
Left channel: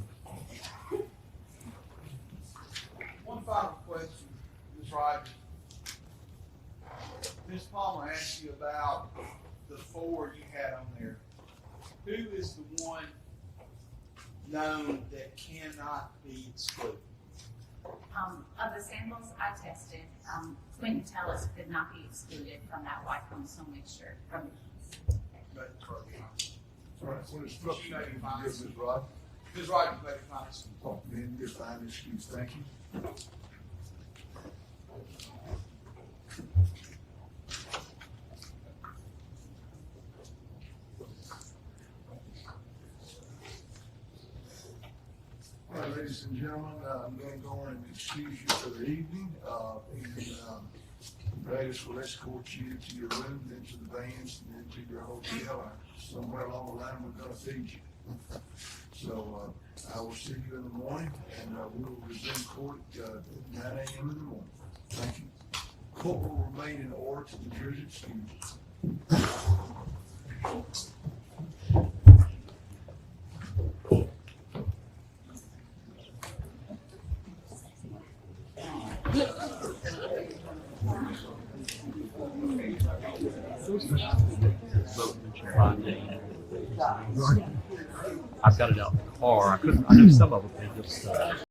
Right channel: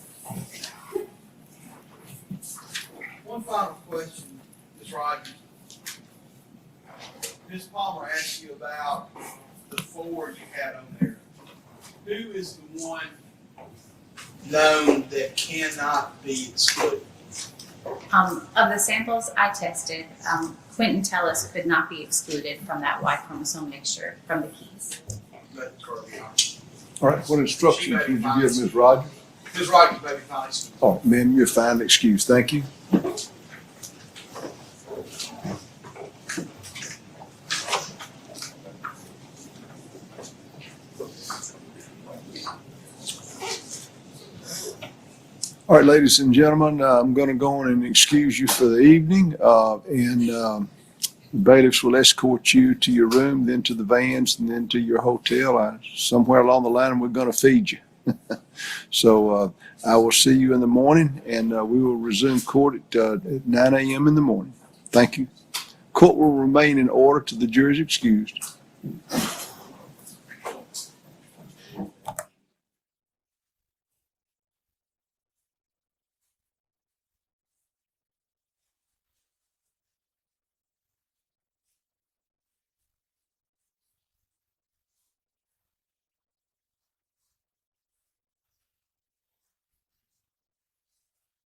One final question, Ms. Rogers. Ms. Palmer asked you about the 4 you had on there. Who is the one known that cannot be excluded? Of the samples I tested, Quentin Tellis could not be excluded from that Y chromosome mixture from the keys. That's correct. All right, what instructions would you give Ms. Rogers? Ms. Rogers may be fine. Oh, ma'am, you're fine, excused. Thank you. All right, ladies and gentlemen, I'm going to go on and excuse you for the evening, and the bailiffs will escort you to your room, then to the vans, and then to your hotel. Somewhere along the line, we're going to feed you. So I will see you in the morning, and we will resume court at 9 a.m. in the morning. Thank you. Court will remain in order till the jury is excused. I've got it out in the car. I knew some of them. They just